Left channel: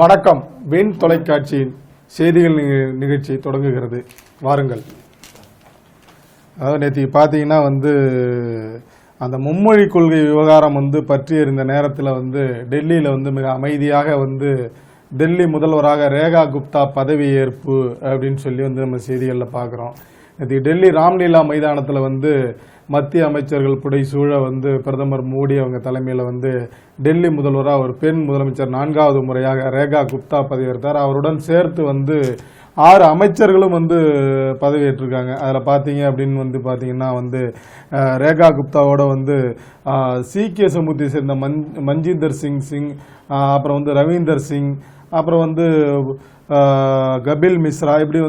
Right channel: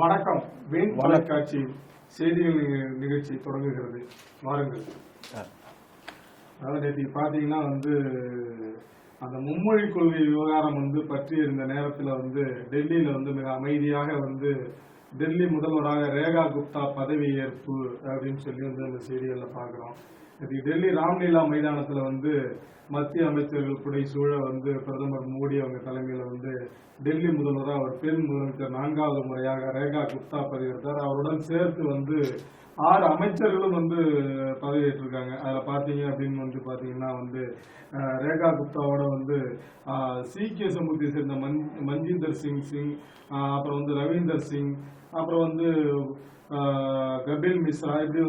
வணக்கம். வின் தொலைக்காட்சியின் செய்திகள் நிகழ்ச்சி தொடங்குகிறது. வாருங்கள். அதாவது நேற்று பார்த்தீங்கன்னா அந்த மும்மொழி கொள்கை விவகாரம் பற்றி இருந்த நேரத்தில் டெல்லியில் மிக அமைதியாக டெல்லி முதல்வராக ரேகா குப்தா பதவி ஏற்பு அப்படின்னு சொல்லி நம்ம செய்திகளில் பார்க்குறோம். நேற்று டெல்லி ராம்லீலா மைதானத்தில் மத்திய அமைச்சர்கள் புடைசூழ பிரதமர் மோடி அவங்க தலைமையில் டெல்லி முதல்வராக ஒரு பெண் முதலமைச்சர் 4வது முறையாக ரேகா குப்தா பதவியேற்றார். அவருடன் சேர்த்து 6 அமைச்சர்களும் பதவியேற்றிருக்காங்க. அதில் பார்த்தீங்க அப்படின்னு பார்த்தீங்கன்னா ரேகா குப்தாவோட சீக்கிய சமூகத்தை சேர்ந்த மஞ்சிந்தர் சிங், அப்புறம் ரவீந்தர் சிங், அப்புறம் கபில் மிஸ்ரா, இப்படி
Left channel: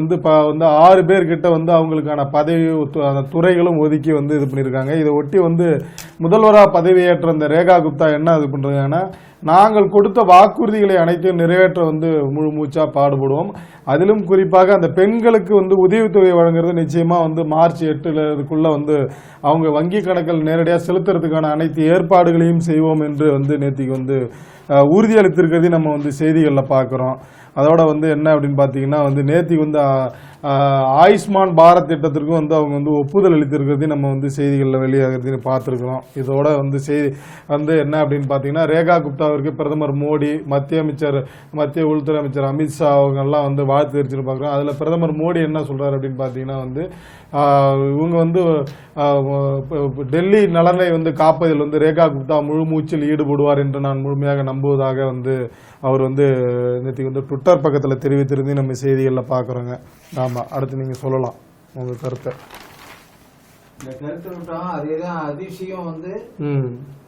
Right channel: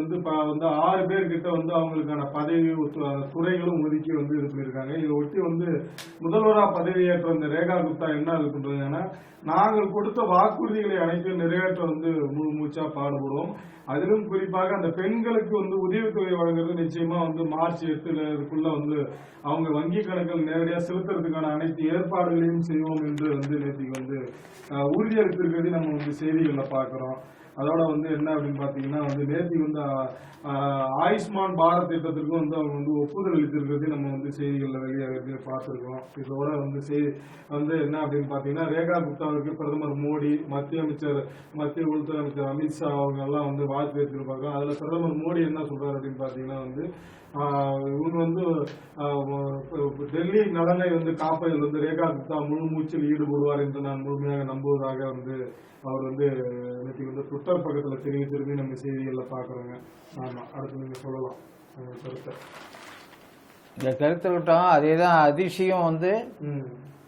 6 பேர்கிட்ட அவங்களுக்கான பதவி துறைகளும் ஒதுக்கி இது பண்ணியிருக்காங்க. இதை ஒட்டி முதல்வராக பதவியேற்ற இந்த ரேகா குப்தா என்ன இது பண்ணுறாங்கன்னா, நாங்கள் கொடுத்த வாக்குறுதிகளை அனைத்தையும் நிறைவேற்ற முழு மூச்சா பாடுபடுவோம். அதிலும் குறிப்பாக அந்த பெண்களுக்கு உதவித்தொகை வழங்குறது நிச்சயமாக மார்ச் 8 அவங்க வங்கி கணக்கில் நேரடியாக செலுத்துறதுக்கான அனைத்து ஏற்பாடுகளையும் செய்வோம் என்று நேற்றுக்கு உறுதியளித்திருக்கிறதையும் நம்ம செய்திகளில் பார்க்குறோம். அதோட என்ன அப்படின்னு பார்த்தீங்கன்னா நேற்றுக்கு ஆயுஷ்மான் பாரத் திட்டத்திற்கும் அவங்க ஒப்புதல் அளித்திருக்கிறதையும் நம்ம செய்திகளில் வெளியாகிறதையும் பார்த்துருக்குறோம். இதோட செய்தி என்ன அப்படின்னு பார்த்தீங்கன்னா, ரேகா குப்தாவிற்கு பிரதமர் மோடி, மத்திய உள்துறை அமைச்சர் அமித்ஷா அவங்கெல்லாம் வாழ்த்து தெரிவிச்சுன்னு பார்க்குறோம். அதில் பிரதமர் மோடி என்ன சொல்கிறார் அப்படின்னு பார்த்தீங்கன்னா இவங்க டெல்லி நலனை காப்பதில் ரேகா குப்தா முழு மூச்சில் ஈடுபடுவார் என்று நான் முழுமையாக நம்புவதாக அவர் நேற்று ட்விட்டர் பக்கத்தில் தெரிவித்திருந்து நம்ம செய்திகளில் பார்க்குறோங்க. ஆமாம், அடுத்து நீங்கள் சொல்லலாம் உங்கள் கருத்தை. இந்த கருத்தை விட்டோம். அதே தான் அதிஷியும்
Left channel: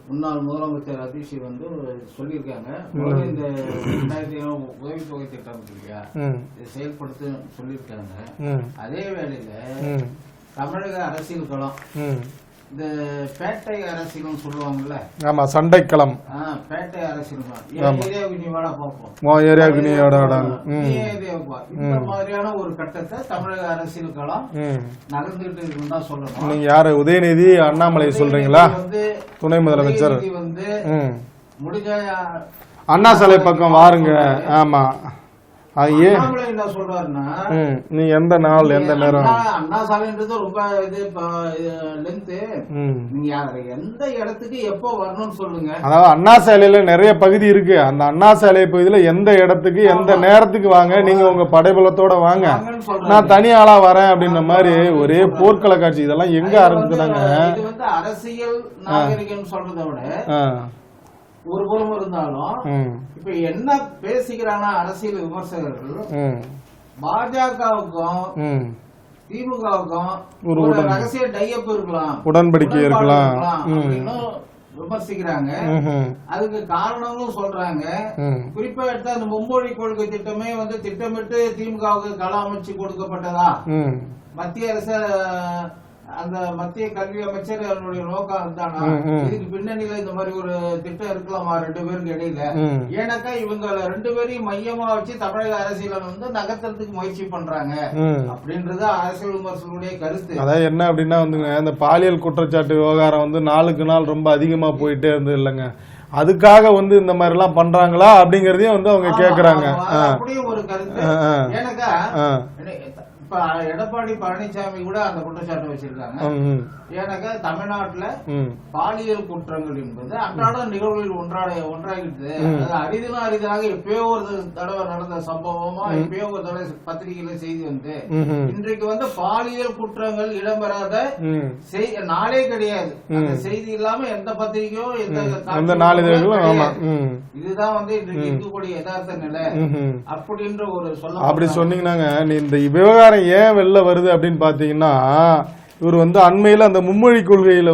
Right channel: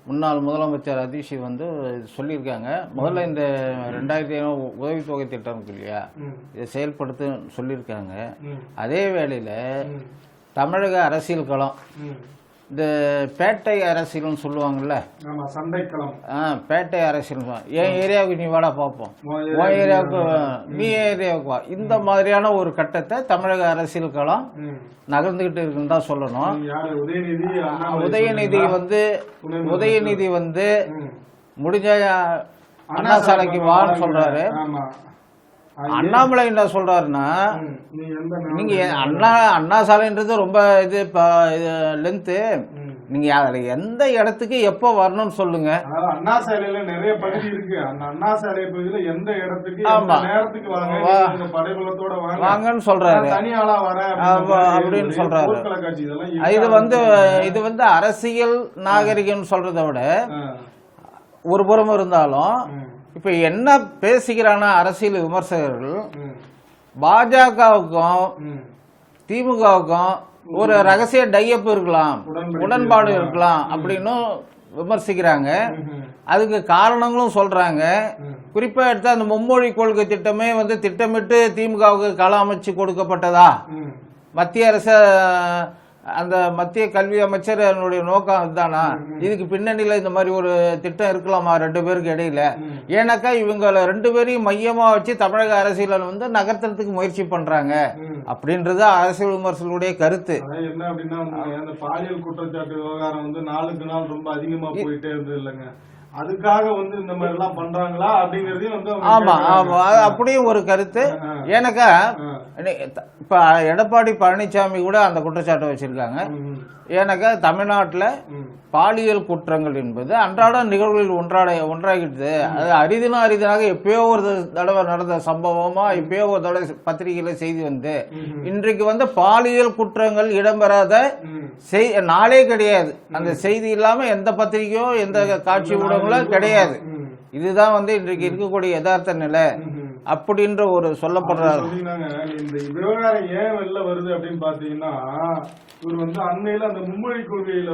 முன்னாள் முதலமைச்சர் அதிஷி சொல்லியிருக்காங்க. முதல்ல இந்த 2500 உதவித்தொகை திட்டம் இருக்கு இல்லையா, இதை செயல்படுத்த சொல்லியிருக்காங்க. அதே வேளையில் தமிழக அரசியல் களம், இந்த பேட்டை அரசியல்னு சொல்லுவாங்கல்ல, ஆமா, சண்டைக்களம், பேட்டை அரசியல், என் ஏரியாவுக்கு நீ வாடா பார்ப்போம், நீ ஏரியாவுக்கு வா, இந்த மாதிரியான ஒரு கட்டத்தை தமிழக அரசியல் களம் நகர்ந்துகிட்டு இருக்குன்னு தான் சொல்லணும். யாரு? உதயநிதி, அண்ணாமலை சொல்றீங்களா? துணை முதலமைச்சர் முடிஞ்ச அண்ணா சிலை பக்கம் வாருங்க. ஆமா, அண்ணாமலை என்ன சொல்றாருன்னா, நீ எந்த நாள் எந்த நேரம், அண்ணா சாலைன்றது ரொம்ப லென்த், நீங்க எந்த இடத்துக்கு எப்போ வரணும்னு சொல்லுங்க. அதாவது அண்ணா சாலையில நிறைய பகுதி இருக்கு. அந்த அண்ணா சாலை பகுதியில எந்த இடத்துக்கு எந்த நேரத்துக்கு வாங்க, நீங்க உங்க படைபலத்தோட வாங்கன்னு சொல்றாரு. நான் தனி ஆளா வரேன் அப்படின்ற மாதிரி ஒரே போர்க்கள காட்சி. இதெல்லாம் எங்க இது அரசியல் நாகரிகம் சொல்றதை விட ஒரு புறம் இருந்தாலும், இப்ப என்ன பேசுகிறானா அரசியல் விமர்சகர்கள், பாஜகவுக்கும் திமுகவுக்கும் ஒரு ரகசிய டையப் இருக்கலாம், உடன்பாடு இருக்கலாம் அப்படின்னு விமர்சிக்கிறாங்க. அதுக்கு காரணங்களும் சொல்றாங்க. குறிப்பா எடுத்து அந்த மும்மொழி கொள்கை திட்டமே திட்டமிட்டு திமுகவுக்கு கள அமைச்சு கொடுக்கப்பட்டதா, மத்திய அரசு அந்த மத்திய கல்வி அமைச்சர் என்னுடைய நோக்கம் அதுதானா, இதுக்கு பின்னணியில இந்த மாதிரி ஒரு திட்டம் இருக்கலாமா 2 பேருக்கு இடையில? ஏன்னாக்கா இவங்க 2 பேரையும் மையமா வச்சு தமிழக அரசியல நகர்த்துறதுக்கு முயற்சி பண்றாங்க அப்படின்றது அரசியல் விமர்சகர்களுடைய கருத்து. அதாவது என்ன அப்படின்னா இந்த பாலியல் குற்றச்சாட்டு விவகாரம் நாளுக்கு நாள் ரொம்ப அதிகமா போயிட்டே இருந்தது இல்லைங்க. அதுக்காக இந்த மாதிரி எல்லாம் பண்றாங்களா அப்படிங்கறதையும் அவங்க கேக்குறாங்க. அப்படியும் ஒரு கருத்து. ஏன்னாக்கா இப்ப எடப்பாடி பழனிசாமி கூட அந்த குற்றச்சாட்டை வச்சிருக்காங்க. ஏன்னாக்கா தமிழ்நாட்டுல பாலியல் குற்றங்கள் என்பது அன்றாட நிகழ்வுகளில் ஒன்றாகிடுது. அது அரிதாக எப்பயோ ஒரு தடவை நடந்த சம்பவமா, எப்பயோ ஒரு தடவை பத்திரிகையில செய்தி இன்றைக்கு பாலியல் குற்றங்கள் இடம்பெறாத நாளே கிடையாது. அந்த செய்தி இல்லாம எந்த பத்திரிகையோ எந்த காட்சி கிடையாது. இதுதான் இன்றைக்கு இருக்கக்கூடிய யதார்த்த நிலை அப்படின்ற ஒரு சொல்லப்படி சொன்னீங்கன்னாங்க. இந்த விவகாரம் ஏன் வெளில வருது அப்படின்னு பாத்தீங்கன்னா, இவர் அண்மையில் அந்த மும்மொழி கொள்கையில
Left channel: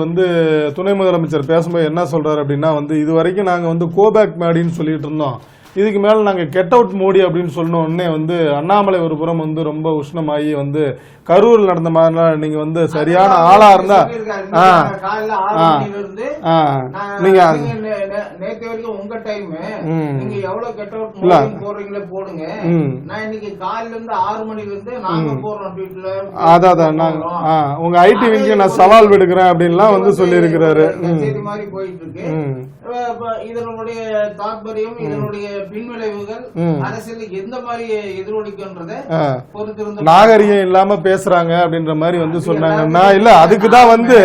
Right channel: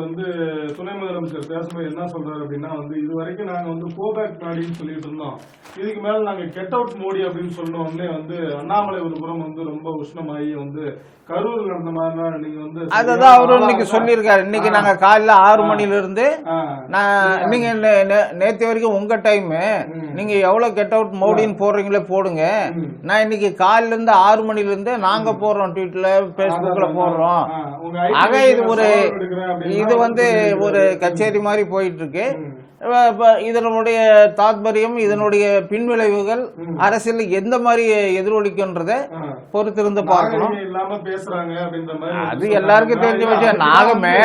துணை முதலமைச்சர் பேசும்போது என்ன சொல்றாரு அப்படின்னா, இது வரைக்கும் நாங்க கோபேக் மேடின்னு சொல்லிட்டு இருந்தோம், இதுக்கு மேல நாங்க கெட் அவுட் மோடி அப்படின்னு சொன்ன உடனே அண்ணாமலை ஒரு புறம் ரொம்ப உஷ்ணமாயி கரூர் நடந்த மாதிரி நீங்க சரியான ஆளா இருந்தா காலையில 6 மணில இருந்து நீங்க நேத்து வரைக்கும் உங்க டைம், நீங்க எவ்வளவு கெட் அவுட் மோடின்னு போடுறீங்களே போடுங்க. நான் இன்னைக்கு காலையில இருந்து 6 மணில இருந்து நாங்க போடுறோம் ட்வீட்ல, உங்க ஐடி நான் சவால் விடுக்கிறேன் அப்படின்னு சொல்லி இருக்கிறாரு. கச்சேரி மாதிரி போயிட்டு இருக்கு. இதனுடைய தாத்பரியம், இதனுடைய பின்விளைவுகள் அரசியல் எந்த மாதிரி எதிரொலிக்குன்றத பொறுத்திருந்து நாகரிகம் இல்லாம பேசுறாங்க அப்படின்ற மாதிரி வந்து சொன்னாங்க. இல்ல அதுக்குதான் வந்து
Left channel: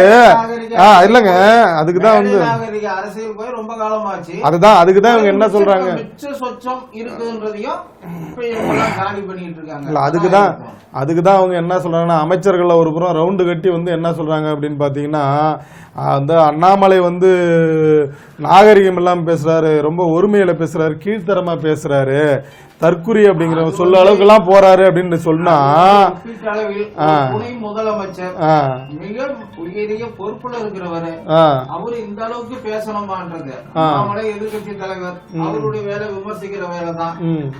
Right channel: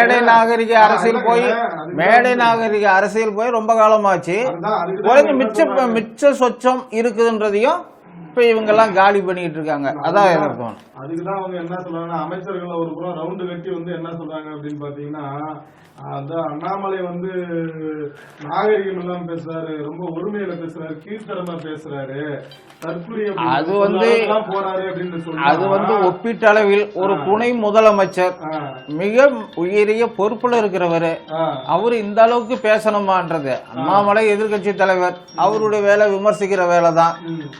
இல்லங்க அதுக்குதான் நாகரிக அரசியல் போய் ரொம்ப காலமாச்சு. அதுதான் அதுக்குதான் என்ன சொல்றாங்க, மிச்ச சொச்சம் இருக்குதுன்றதையும் இப்ப இவங்க எல்லாம் காலி பண்ணிட்டு இருக்காங்க. அதுக்குதான் அவங்க என்ன சொல்றாங்கன்னா, அமைச்சர்கள் ஒரு புறம் ரவுண்டு கட்டி வந்து என்ன சொல்றாங்க அப்படின்னு பாத்தீங்கன்னா, அந்த அண்ணாமலை வந்து நாகரிகம் இல்லாம பேசுறாரு, ரொம்ப ஒருமையில பேசுறாரு, கீழ்த்தரமா பேசுறாரு, தற்குறி அப்படிங்கிற சொல்ல அளவுக்கு எல்லாம் போறாரு அப்படின்னு சொன்னா, ஒப்பீட்டளவில் துணை முதலமைச்சர் மிக உயரிய பொறுப்புல இருக்கிறவரு, அவரு இந்த அளவுக்கு பேசணுமான்றது. அண்ணாமலை எதிர்கட்சி தலைவர், அவருடைய வேலை விமர்சிக்கிற வேலை தான்.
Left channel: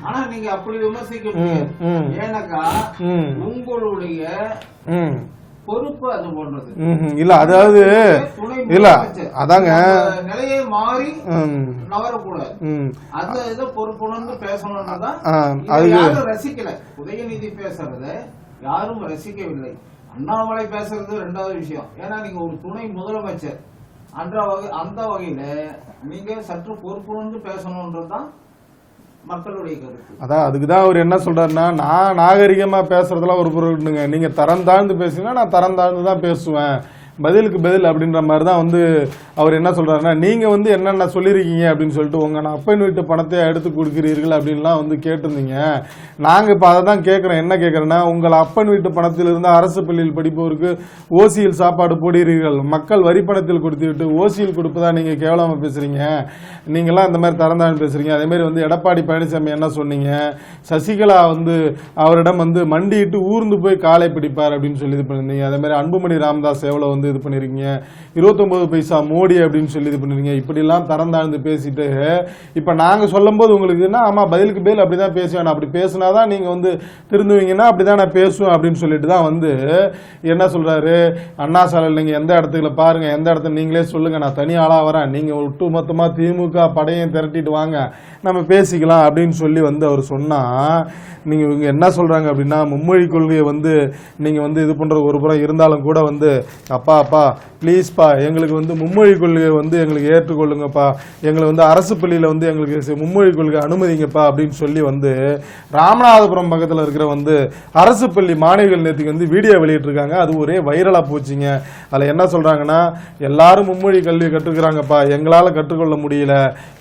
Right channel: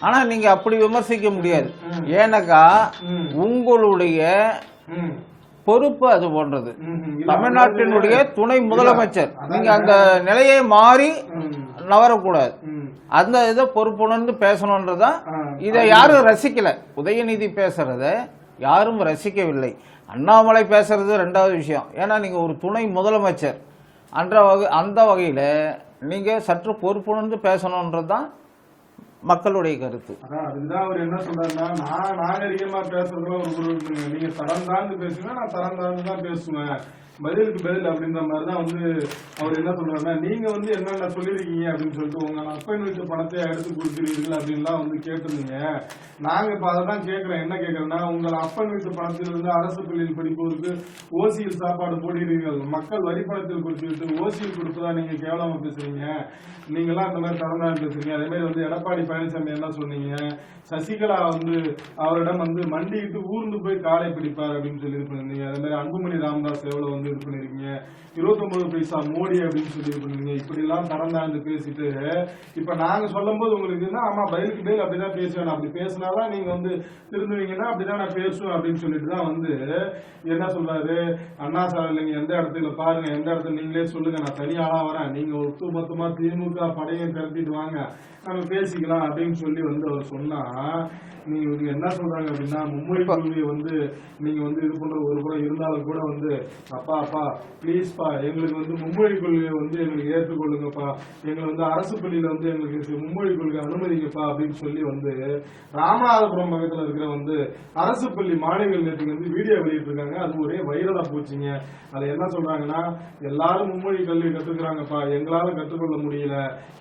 ஆனா நீங்க அப்படி விமர்சிக்க முடியாது. ஏன்னாக்கா உங்களுடைய பொறுப்பு அது போன்றது இல்ல. அதாவது துணை முதலமைச்சர் அதாங்க நிலையை மாறி நவரக்கூடாது. அந்த இதை பொறுப்புணர்ந்து பேசணும்ன்றதான். இதை யாரும் ரசிக்கல. உதயநிதி பேசுறத யாரும் ரசிக்கவில்லை. அண்ணாமலை பேசுறது ரெண்டாவது விஷயம். ஏன்னா நீங்க ஒரு துணை முதலமைச்சர் அந்த வகையில நீங்க சற்று பொறுப்புணர்ந்து பேசணும்ன்றதுதான் மக்களுடைய கருத்து. அதான் அதுக்குதான் அவர் என்ன சொல்றாருன்னா, நான் நாகரிகமா பேசுறதெல்லாம் ஒரு பொருளுங்க, நீங்க தரம் தாழ்ந்து பேசுங்கன்னா நான் தரம் தாழ்ந்து தான் பேசுவேன், பதிலுக்கு பதில் அப்படின்ற மாதிரி தான் வந்து அவர் என்ன சொல்றாருன்னா, நீங்க வந்து என்னென்ன சொல்லியிருக்கீங்க அப்படின்னு சொல்லிட்டு உங்க அப்பன் வீட்டு பணத்தை எடுத்து கொடுக்கிறீர்கள் அப்படின்லாம் வந்து கேட்டிருந்தீங்க. நாங்க இப்ப அதை தான் கேட்கிறோம். என்ன கேட்கறேன்னா, உங்கள் அப்பன் வீட்டு பணத்திலிருந்து அரசு பள்ளியில் படிப்பவருக்கு ஓசியில் சாப்பாடு போடுகிறீர்கள், மக்கள் வரி பணத்தில் கொடுத்து விட்டு ஓசியில் கொடுப்பதா நீங்க கேவலமா பேசுறீங்க, நீங்களாம் இந்த மாதிரி தரந்தான்னு பேசுறீங்க. அதே மாதிரி வந்து எடப்பாடி பழனிசாமி என்ன சொன்னீங்க, சசிகலா வந்து அவரிடம் வந்து மண்டிட்டு ஊர்ந்து போய் காலை பிடிப்பார் அப்படின்னு சொல்லி இது பண்ணிருந்தீங்க. அதே மாதிரி அன்புமணி ராமதாஸ் எவ்வளவு வந்து இது பண்ணிருக்கீங்க, 29 பைசா மோடி அப்படின்னு சொல்லி இது பண்ணிருக்கீங்க. இப்படிலாம் தரந்தாழ்ந்து பேசிட்டு இப்ப நாங்க சொல்லும் போது உங்களுக்கு என்ன, ஆமா பதிலுக்கு பதில் அப்படிதான் பேசுவேன், அப்படி பேசினாதான் நீங்க வந்து திருந்துவீங்கன்னா அப்படிதான் நான் பேசுவேன் அப்படின்னு சொல்லிட்டு தான் வந்து என்ன சொல்றாரு, அண்ணா சாலையில் நீங்க எந்த இடத்துல பாருங்க, எந்த இடத்துல நீங்களே சொல்லுங்க, நான் தனி ஆளா வரேன், நீங்க ஒட்டுமொத்தமா திமுக படையும் திரட்டிட்டு வாங்க, நம்ம பேசிக்கலாம் அப்படின்னு சொல்லி வந்து அவர் சொன்னா, நீங்க இவங்க என்ன சொல்றாங்க அப்படின்னா, மும்மொழி கொள்கையை வந்து நீங்க வந்து இது பண்ற ஒரு புறம் இருந்தாலும் கூட வந்து, அப்பா ப்ளீஸ்ப்பா எங்களுக்கு வந்து மும்மொழி கொள்கையை வந்து எங்களுக்கு ஏற்றுக்கொள்ளுங்கப்பா, எங்களை வந்து அரசு பள்ளியில வந்து எங்களுக்கு மும்மொழி கொள்கை அனுமதிங்கப்பா அப்படின்னு சொல்லி வந்து ராமநாதபுரம் பக்கத்தில் இருக்கிற வந்து அரசு பள்ளி மாணவிகள் நேற்றுக்கு வந்து வீடியோ வெளியிட்டிருக்காங்க. அது ஒரே வைரலா போச்சுங்க. அதில் என்ன சொல்றாங்கன்னா, எல்லாரும் மும்மொழி கல்வி கற்றுக்கிறாங்கப்பா, எங்களால் கற்றுக்கொள்ள முடியல,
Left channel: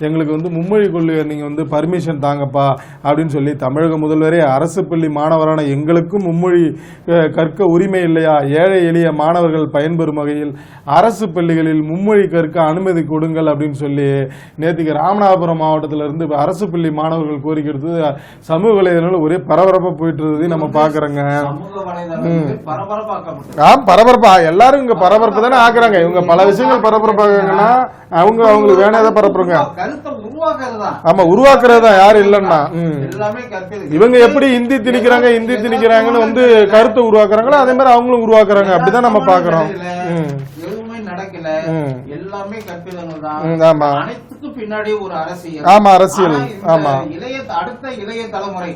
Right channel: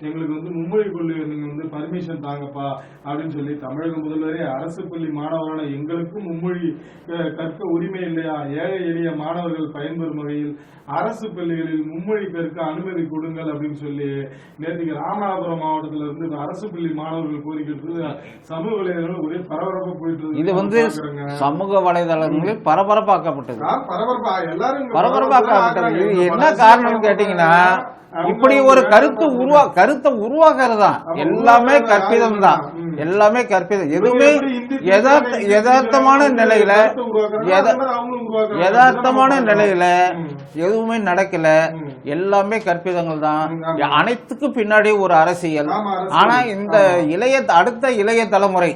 எங்களுக்கு வந்து மும்மொழி கொள்கையை நீங்க வந்து பர்மிஷன் தாங்கப்பா அப்படின்னு சொல்லி தமிழக முதல்வரே அரசு பள்ளி மாணவரான எங்களுக்கும் மும்மொழி கற்க உரிமை இல்லையா, ஏழை எளிய மாணவர்கள் பயன்பெறும் வகையில் அரசு பள்ளிகளில் மும்மொழி கற்க அனுமதி கொடுங்கள் அப்படின்னு சொல்லி நேற்றுக்கு ராமநாதபுரம் மாவட்டத்தில் இருந்து அரசு பள்ளி மாணவர்கள் கோரிக்கை எடுத்து சமூக வலைதளங்கள் ஒரே பரபரப்பா போயிட்டு இருந்தது நம்ம பாக்குறோங்க. சமூக வலைதளங்கள் பரபரப்பாக்கப்பட்டது. பரபரப்பா எல்லாரும் இங்க பரபரப்பு தானே ஆக்குறாங்க. இவங்க பல விஷயங்கள் பரபரப்பாங்க. அவங்க கருத்தை உருவாக்குறதா, ஆமா உருவாக்குறதா யாரு இல்லன்னா எல்லாமே கற்பிதம். இவங்க எப்படி இந்தி திணிக்கிறாங்க, இந்தி திணிக்கிறாங்கன்னு வந்து கருத்தை உருவாக்குறாங்களோ அதே மாதிரி அவங்களும் உருவாக்குறாங்க. அப்படிதான் நம்ம பாக்குறோம். எதுவுமே நடக்கல, எல்லாமே கற்பிதங்கள் தான். அனைத்துக்கும் பின்னாடி ஒரு அரசியல். இந்த அடுத்த இளைய தலைமுறை,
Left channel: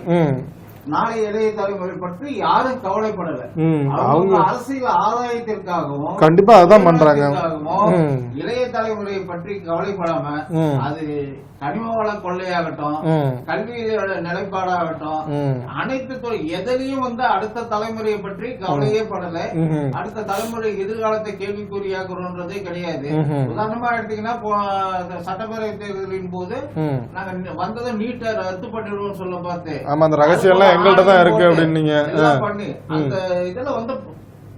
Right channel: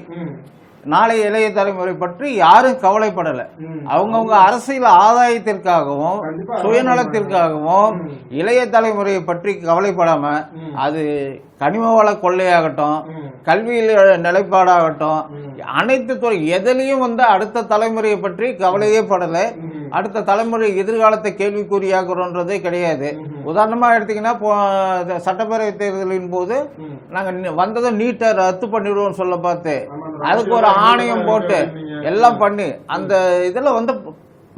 நாளைய இளைய தலைமுறை பற்றி யாரும் கவலைப்படல. அவங்க அரசியல் ஆதாயத்திற்காகவும் கண்டிப்பாகவும் இளைய தலைமுறையை பற்றி கவலைப்படாம, அது கனிம வள கொள்ளையாகட்டும், கல்வியில நிலைப்பாடாகட்டும், அனைத்து துறை எதிலையும் வந்து அடுத்த தலைமுறையை பற்றி கவலையே படல. அடுத்த தலைமுறை எதிர்காலத்தை கேள்விக்குறியாக்குறோன்றதே கிடையாது. உதாரணமா எடுத்தீங்கன்னா, சட்டப்பேரவை தேர்தலின் போது நாங்க வந்ததும் நீட்டை ரத்து பண்ணிடுவோம் சொல்ல பார்த்து எல்லாம் பண்ணி அந்த இதுல வந்து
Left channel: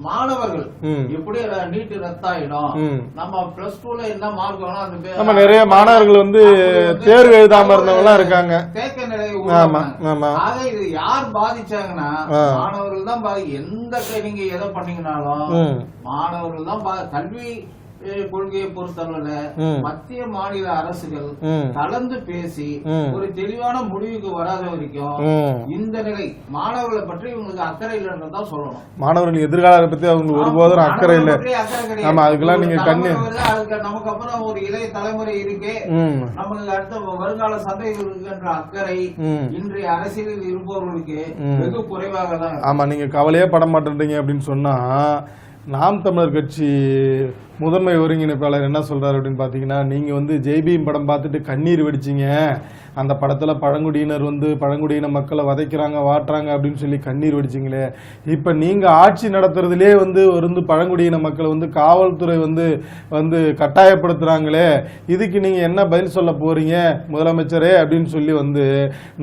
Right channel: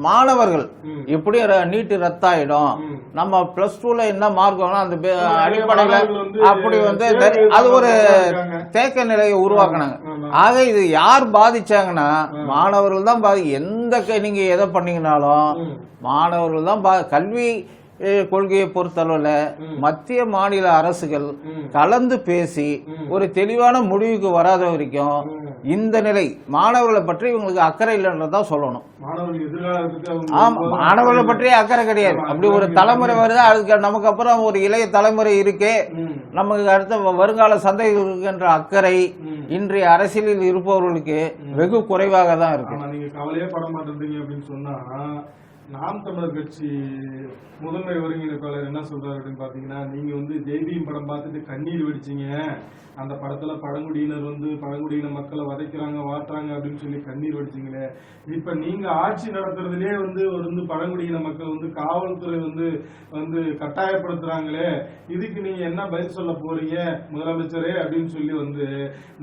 மாணவர்கள் எப்படி நீட்டு ரத்தாயிடும், நம்ம பிளஸ் 2ல என்ன மார்க் வாங்கலாம், அந்த நிறைய மாணவர்கள் வந்து தேக்க நிலையை உருவாக்குனாங்க. ஆக இது யார் பாதிச்சாங்கன்னா மாணவர்கள் தான் எந்த நீங்க எதை பண்ணீங்கன்னாலும் மாணவர்கள் தான் கல்வி கொள்கையை பொறுத்தளவுல மத்திய மாநில அரசுகள் கலந்து பேசி ஒரு தெளிவான முடிவுக்கு வராத வரைக்கும் இந்த நிலை மாணவர்களை பற்றி இவங்களுக்கு அக்கறை இல்லைன்றதான் சொல்லணும். மாணவர்கள் எதிர்காலத்தை பத்தி மாணவர்களை பற்றி அக்கறை கிடையாது. ஒரு தலைமுறை வருது, அதுக்கு நமக்கு அப்புறம் ஒரு இளைய தலைமுறை இருக்கே, நமக்கு அடுத்த வருங்கால சந்தைகள் இருக்கின்ற அக்கறை இன்றைய அரசியலில் இருப்பவர்களுக்கு வெகு குறைவாக தான் இருக்கு. ஆமா, நீங்க கவலையே பட மாட்டேன்றீங்க அப்படின்னு சொன்னா, நாம் தமிழர் கட்சி முதன்மை ஒருங்கிணைப்பாளர் என்ன சொல்றாரு அப்படின்னு பாத்தீங்கன்னா, நீங்க வந்து ஜெய்பீம் படம் பார்த்துட்டு கண்ணீர் வெடிச்சிங்க, அந்த படத்துல பழங்குடியினர் வந்து பழங்குடியின மக்களை வதைக்கிறாங்க வாட்டுறாங்க அப்படின்னு சொல்லி கண்ணீர் வடிச்சிங்களே, இப்ப நீங்க ஆட்சி நடத்துறதுலே வந்து பழங்குடியின மக்களை வந்து காவல்துறை வந்து வந்து கட்டாயப்படுத்துறாங்களே, இதுக்கு நீங்க என்ன பதில் சொல்ல போறீங்க முதலமைச்சரே அப்படின்னு சொல்லி வந்து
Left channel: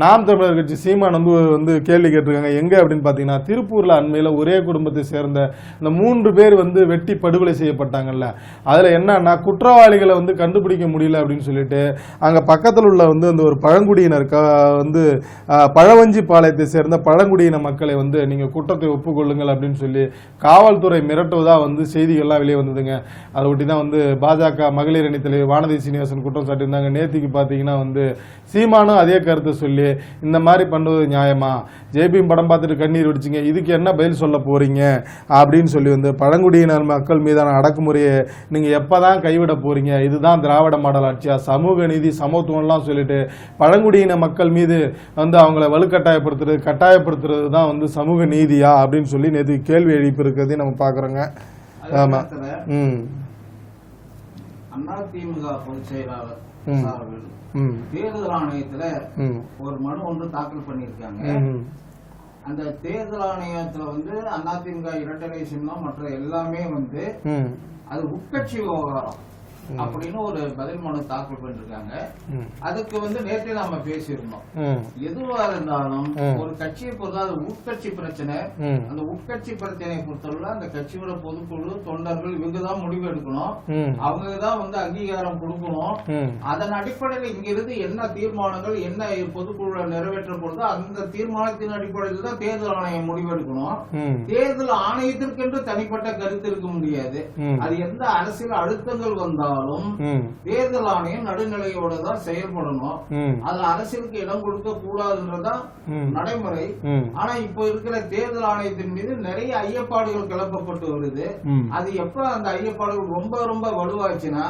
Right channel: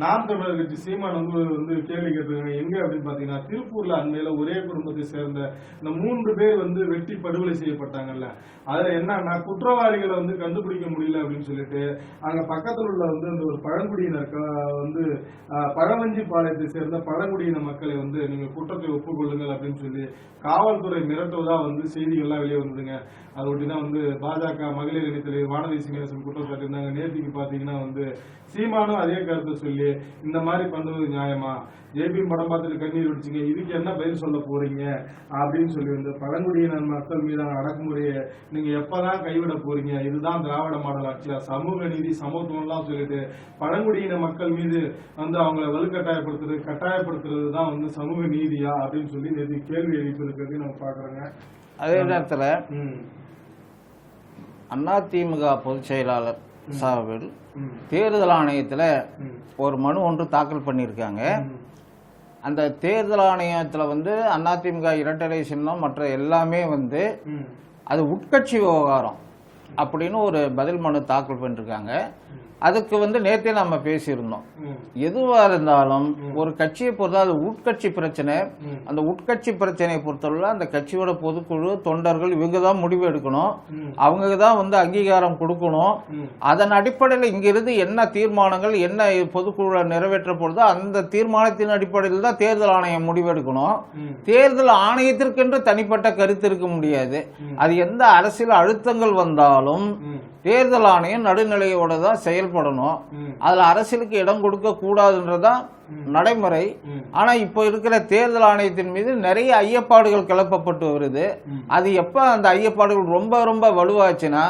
நாம் தமிழர் கட்சி சீமான் வந்து கேள்வி கேட்டிருக்காங்க. எங்க அப்படின்னு பாத்தீங்கன்னா திருப்பூர்ல அண்மையில ஒரே குடும்பத்தை சேர்ந்த இந்த 3 பேர் வந்து வெட்டி படுகொலை செய்யப்பட்டாங்கல்ல, அதுல என்னன்னா குற்றவாளிகளை வந்து கண்டுபிடிக்க முடியல அப்படின்னு சொல்லிட்டு அங்க பக்கத்தில் உள்ள வந்து அந்த ஒரு பழங்குடியினர் வந்து பழவஞ்சி பாளையத்தை சேர்ந்த பழங்குடியின மக்களை வந்து நீங்க குற்றத்தை ஒப்புக்கொள்ளுங்கள் அப்படின்னு சொல்லி காவல்துறை மிரட்டுவதா வந்து செய்திகள்லாம் வெளியே வந்ததுங்க. அதை ஒட்டி தான் வந்து பாஜக மகளிர் அணி தலைவர் வானதி சீனிவாசன் குற்றம் சாட்டியிருந்தாங்க. நேத்திக்கு பார்த்தீங்கன்னா வந்து சீமானும் அதே கருத்தை சொல்லி இந்த மாதிரி பண்ணுவது நியாயமா, ஜேபிஎம் படம் பார்த்துட்டு கண்ணீர் வடிச்சிங்க, இதுக்கு என்ன பதில் சொல்ல போறீங்க அப்படின்னு சொல்லி வந்து பழங்குடியினர் மக்கள் மீதான அடக்குமுறையை நீங்க எப்பதான் கைவிட போறீங்க, இதுதான் திராவிட மாடல் ஆட்சியா, சமூக நீதி சமத்துவம்லாம் சொல்லிட்டு பழங்குடியின மக்கள் மீது வந்து அவங்கள கட்டாயப்படுத்துறது தான் வந்து சமூக நீதியா அப்படின்னு சொல்லி நேற்று கேள்வி எழுப்பி இருக்கிறதையும் நம்ம பாக்குறோங்க. அதே நேரத்துல அதிமுக பொதுச் செயலாளர் சார்பில் தேர்தல் ஆணையத்துல ஒரு மனு ஒன்று தாக்கல் பண்ணியிருக்காங்க. அந்த தேர்தல் ஆணையத்துல வந்து அதிமுக இரட்டை சின்னம் மற்ற எல்லாமே வந்து அது உட்கட்சி விவகாரம் அப்படின்னு ஒரு பதில் மனு தாக்கல் பண்ணிருக்காங்க. அதுக்கு வந்து நேற்றே நம்ம பேசியிருந்தோம். எதுவா இருந்தாலும் ஒரு கட்சியை பொறுத்த அது உட்கட்சி பிரச்சனை. அந்த உட்கட்சி பிரச்சனையை பொறுத்தவரை அந்த கட்சியோட பொதுக்குழு தொண்டர்கள் இவங்க தான் முடிவு எடுக்கணும், அவங்க தான் வந்து அங்கீகாரம் கொடுக்கணும். அதன் அடிப்படையில் இங்கிருந்து என்ன தீர்மானங்கள் என்ன பொதுக்குழு நிறைவேற்ற போறதோ அந்த தீர்மானத்தின் அடிப்படையில் தான் தேர்தல் ஆணையம் முடிவெடுக்கணும். தேர்தல் ஆணையத்திற்கென்று தனிப்பட்ட கருத்து இருக்க முடியாது. அது எந்த அரசியல் அழுத்தங்கள் வந்தாலும் தேர்தல் ஆணையம் நடுநிலையோட தான் செயல்படணும். அதுல அரசியலுக்கு இடம் கொடுக்க கூடாதுன்றதான் நடைமுறை. ஆனா இப்ப இருக்கிற தேர்தல் ஆணையத்தின் மீது நிறைய ஐயப்பாடுகள் கிளப்பப்பட்டு வருது. அது எப்ப அந்த ஐயப்பாடுகள் ரொம்ப ரொம்ப வலுவாச்சுன்னா,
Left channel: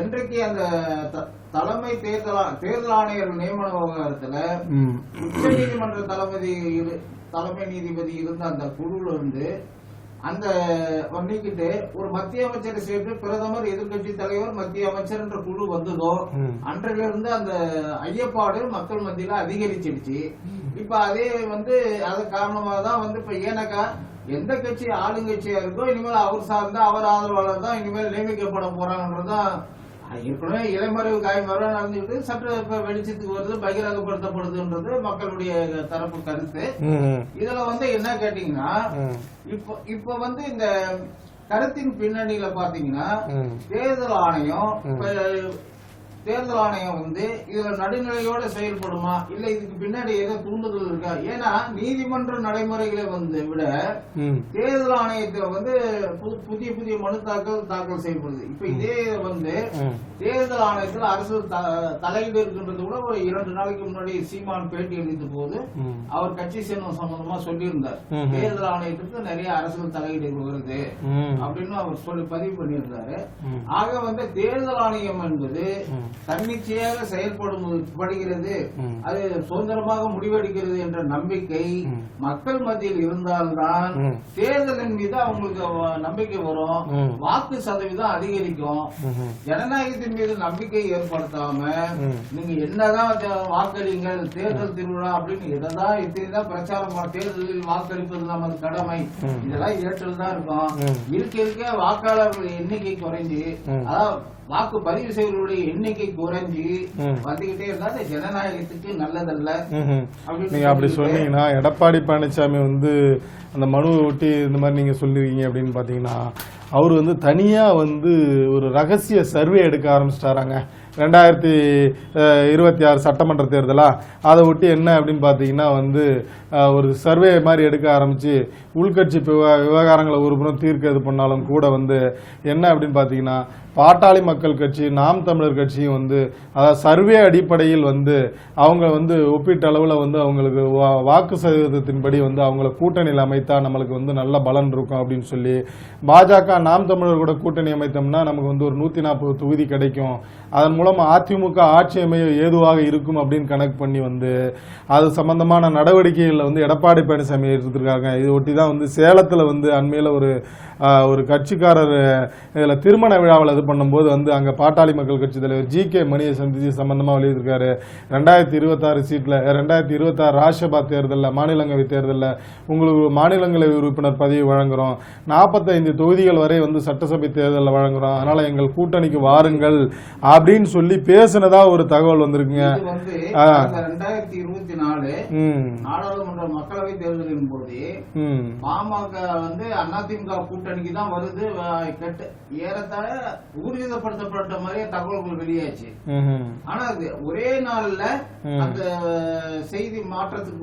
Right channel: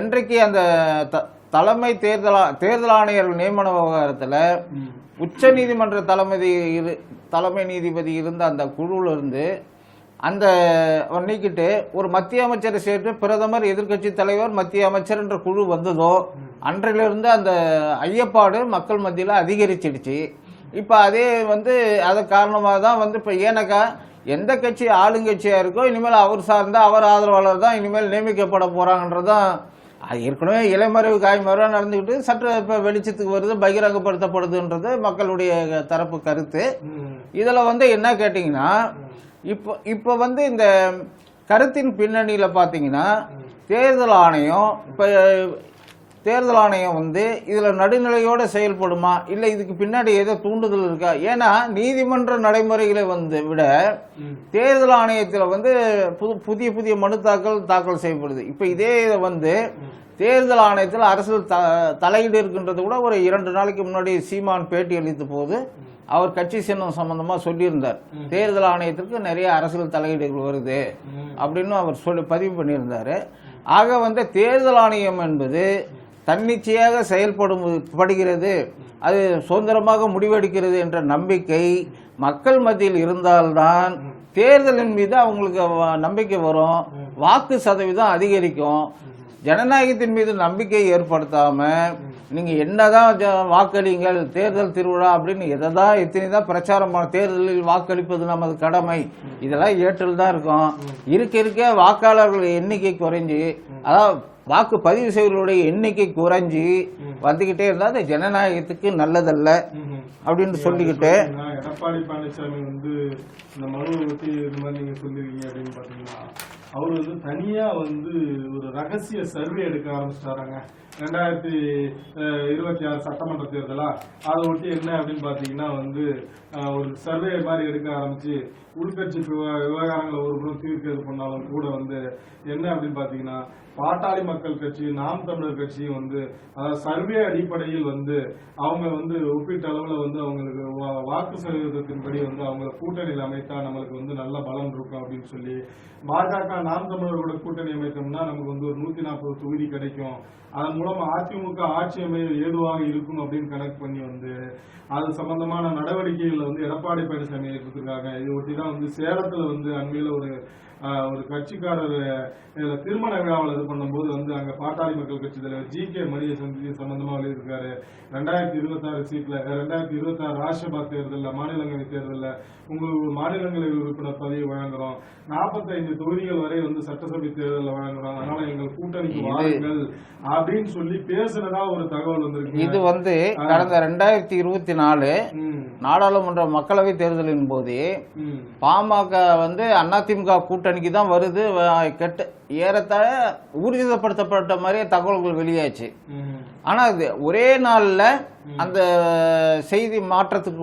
என்றைக்கு அந்த தலைமை தேர்தல் ஆணையர்கள் நியமன விவகாரத்துல உச்ச நீதிமன்ற தலைமை நீதிபதி இருந்த அந்த குழுல இருந்து அந்த நீக்கிட்டு ஒரு மத்திய அமைச்சரை சேர்த்து பிரதமர் எதிர்கட்சி தலைவர் மத்திய அமைச்சர் என்ற குழு வந்ததோ அன்றிலிருந்து அந்த ஐயப்பாடு மக்கள் மத்தியில அதிகரிச்சிடுச்சு. இப்ப அதே வந்து அது காரணமாக தான் வந்து இப்ப ஏனக்கா எந்த கட்சி ஆளுங்கட்சியா இருக்கோ இனிமேல் அவர் சார்ந்த அவர் ஆதரவாளர் தான் இனிமேல் நியமிக்கப்பட போறாங்கன்றதான் அது ஏற்கனவே இலைமறைவு காய்மறைவு நடந்துக்கிட்டு சற்று இப்ப வெளிச்சத்துக்கு வருது, பகிரங்கப்படுத்தப்படுதுன்றது மக்களுடைய தரப்பு கருத்து. இதுல வந்து என்ன கேட்டீங்கன்னா இப்ப வந்து இந்த கருத்தின் பின்னணியில பாத்தீங்கன்னா தேர்தல் ஆணையம் வந்து இதுல நடுநிலையோட செயல்படுமா இல்ல இதுக்கு பின்னாடி ஏதோ தூண்டுதல் இருக்கா? ஏன்னா நீதிமன்ற நடைமுறைகளை வந்து விட தேர்தல் ஆணையத்துல வந்து புதிய மனு தாக்கல் செய்யப்படுது. இப்ப இதே வந்து தேர்தல் ஆணையத்தில் அரசியல் தலையீடு இருக்கின்றது கூட ஒரு 2 நாளைக்கு முன்னாடி சீமான் பேட்டி அளித்த போது அவர் கட்சி சின்னம் சம்பந்தமா சொல்லியிருந்தார். தேர்தல் ஆணையத்திற்கு நிறைய அரசியல் தலையீடுகள் வருது அப்படின்னு அவர் பதிவு பண்ணியிருந்தாரு. ஆக வந்து தேர்தல் ஆணையம் என்பது தன்னிச்சையாக செயல்படுகிறது, அது சுதந்திரமாக முடிவெடுக்கிறது என்ற நம்பிக்கை மக்கள் மத்தியில் இருந்தால்தான் தேர்தலின் மீது அவங்களுக்கு நம்பிக்கை வரும், வாக்கு சதவீதம் அதிகரிக்கும். ஜனநாயகத்தின் மீது நம்பிக்கை ஏற்படுத்தாம நீங்க என்னதான் வாக்களிங்கள் தேர்தல் திருவிழா அப்படின்னு எத்தனைதான் பிரச்சாரம் தேர்தலில் வாக்களிப்பது நமது கடமை இதெல்லாம் ஏற்றல் தான் இருக்கும். இருக்க வாக்காளர்கள் எண்ணிக்கை குறைஞ்சு அதாவது வாக்கு பதிவு செய்வர்களுடைய எண்ணிக்கை குறைஞ்சி வந்துகிட்டே இருந்தா அது ஜனநாயகத்துக்கு நல்லதல்ல அப்படின்னு சொல்லிட்டு எடப்பாடி பழனிசாமி வந்து அந்த மனுவை ஒட்டி இந்த மாதிரி நீங்க சொல்லிருக்கீங்க அப்படின்னு பாத்தீங்கன்னா அவர் வந்து தனியா வந்து ஒரு ரகசிய சர்வே எடுக்க ஆரம்பிச்சிட்டாராங்க. 2026 சட்டமன்ற தேர்தலா அதை ஒட்டி என்ன அப்படின்னு பாத்தீங்கன்னா வந்து ஒரு சர்வே மாதிரி எடுக்க ஆரம்பிச்சு உள்கட்சி விவகாரங்களை ஒரு புறம் தீர்க்க இது பண்ணாலும் கூட வந்து என்ன அப்படின்னு பாத்தீங்கன்னா பாட்டாளி மக்கள் கட்சி நாம் தமிழர் கட்சியும் வந்து அதாவது சர்வே அடிப்படையில் வந்து அவங்க வந்து ஒப்பீட்டு அளவில் வந்து அவங்களுக்கு வாக்கு சதவீதத்தின்படி வந்து அவங்கள கூட்டணியில் அமைத்தா நம்மளுக்கு வந்து நல்ல பலன் இருக்கும் அப்படின்னு சொல்லி பாஜக நாம் தமிழர் கூட கூட்டணி அமைத்தோம்னா நமக்கு வந்து ஒரு 140 தொகுதி கிடைக்கும், அதன் மூலம் அதிமுக ஆட்சி அமைய ஏதுவாக இருக்கும் அப்படின்னு கணக்கு பண்ணி வந்து அது சம்பந்தமான நடவடிக்கைகளில் வந்து எடப்பாடி பழனிசாமி எடுத்துருக்காங்க. இதை ஒட்டி தான் வந்து சேலத்தில் வந்து அண்மையில் ஒரு ஒரு கட்சிக்காரர் இதுல திருமண விழாவில் இது பண்ணும்போது வந்து அங்க பாட்டாளி மக்கள் கட்சி தலைவர் ஜி.கே. மணியை சந்திச்சு சம்பந்தமா வெளியிட்டிருக்காரு. 2026 சீட்ல 2026 ராஜ்யசபா தேர்தலில் மாநிலங்களவை தேர்தலில் உங்களுக்கு மாநிலங்களவை உறுப்பினர் பதவி வழங்குறோம், 45 தொகுதிகள் வரை வந்து சட்டசபை தேர்தலில் வழங்குறோம், அதனால எங்கள் கூட்டணிக்கு வாருங்கள் அப்படின்னு சொல்லி பேசினதா ஒரு தகவல் வந்திருக்குங்க. இது வந்து 2024 நாடாளுமன்ற மக்களவை தேர்தலின் போது பாமக வந்து அதிமுக கூட்டணிக்கு தான் வருது, ஏறத்தாழ ஊர்ஜிதப்படுத்தப்பட்ட மாதிரி தகவல்கள் வெளியாச்சு. ஆனா அது ஒரே நாள்ல அந்த செய்தி மாற்றத்திற்கு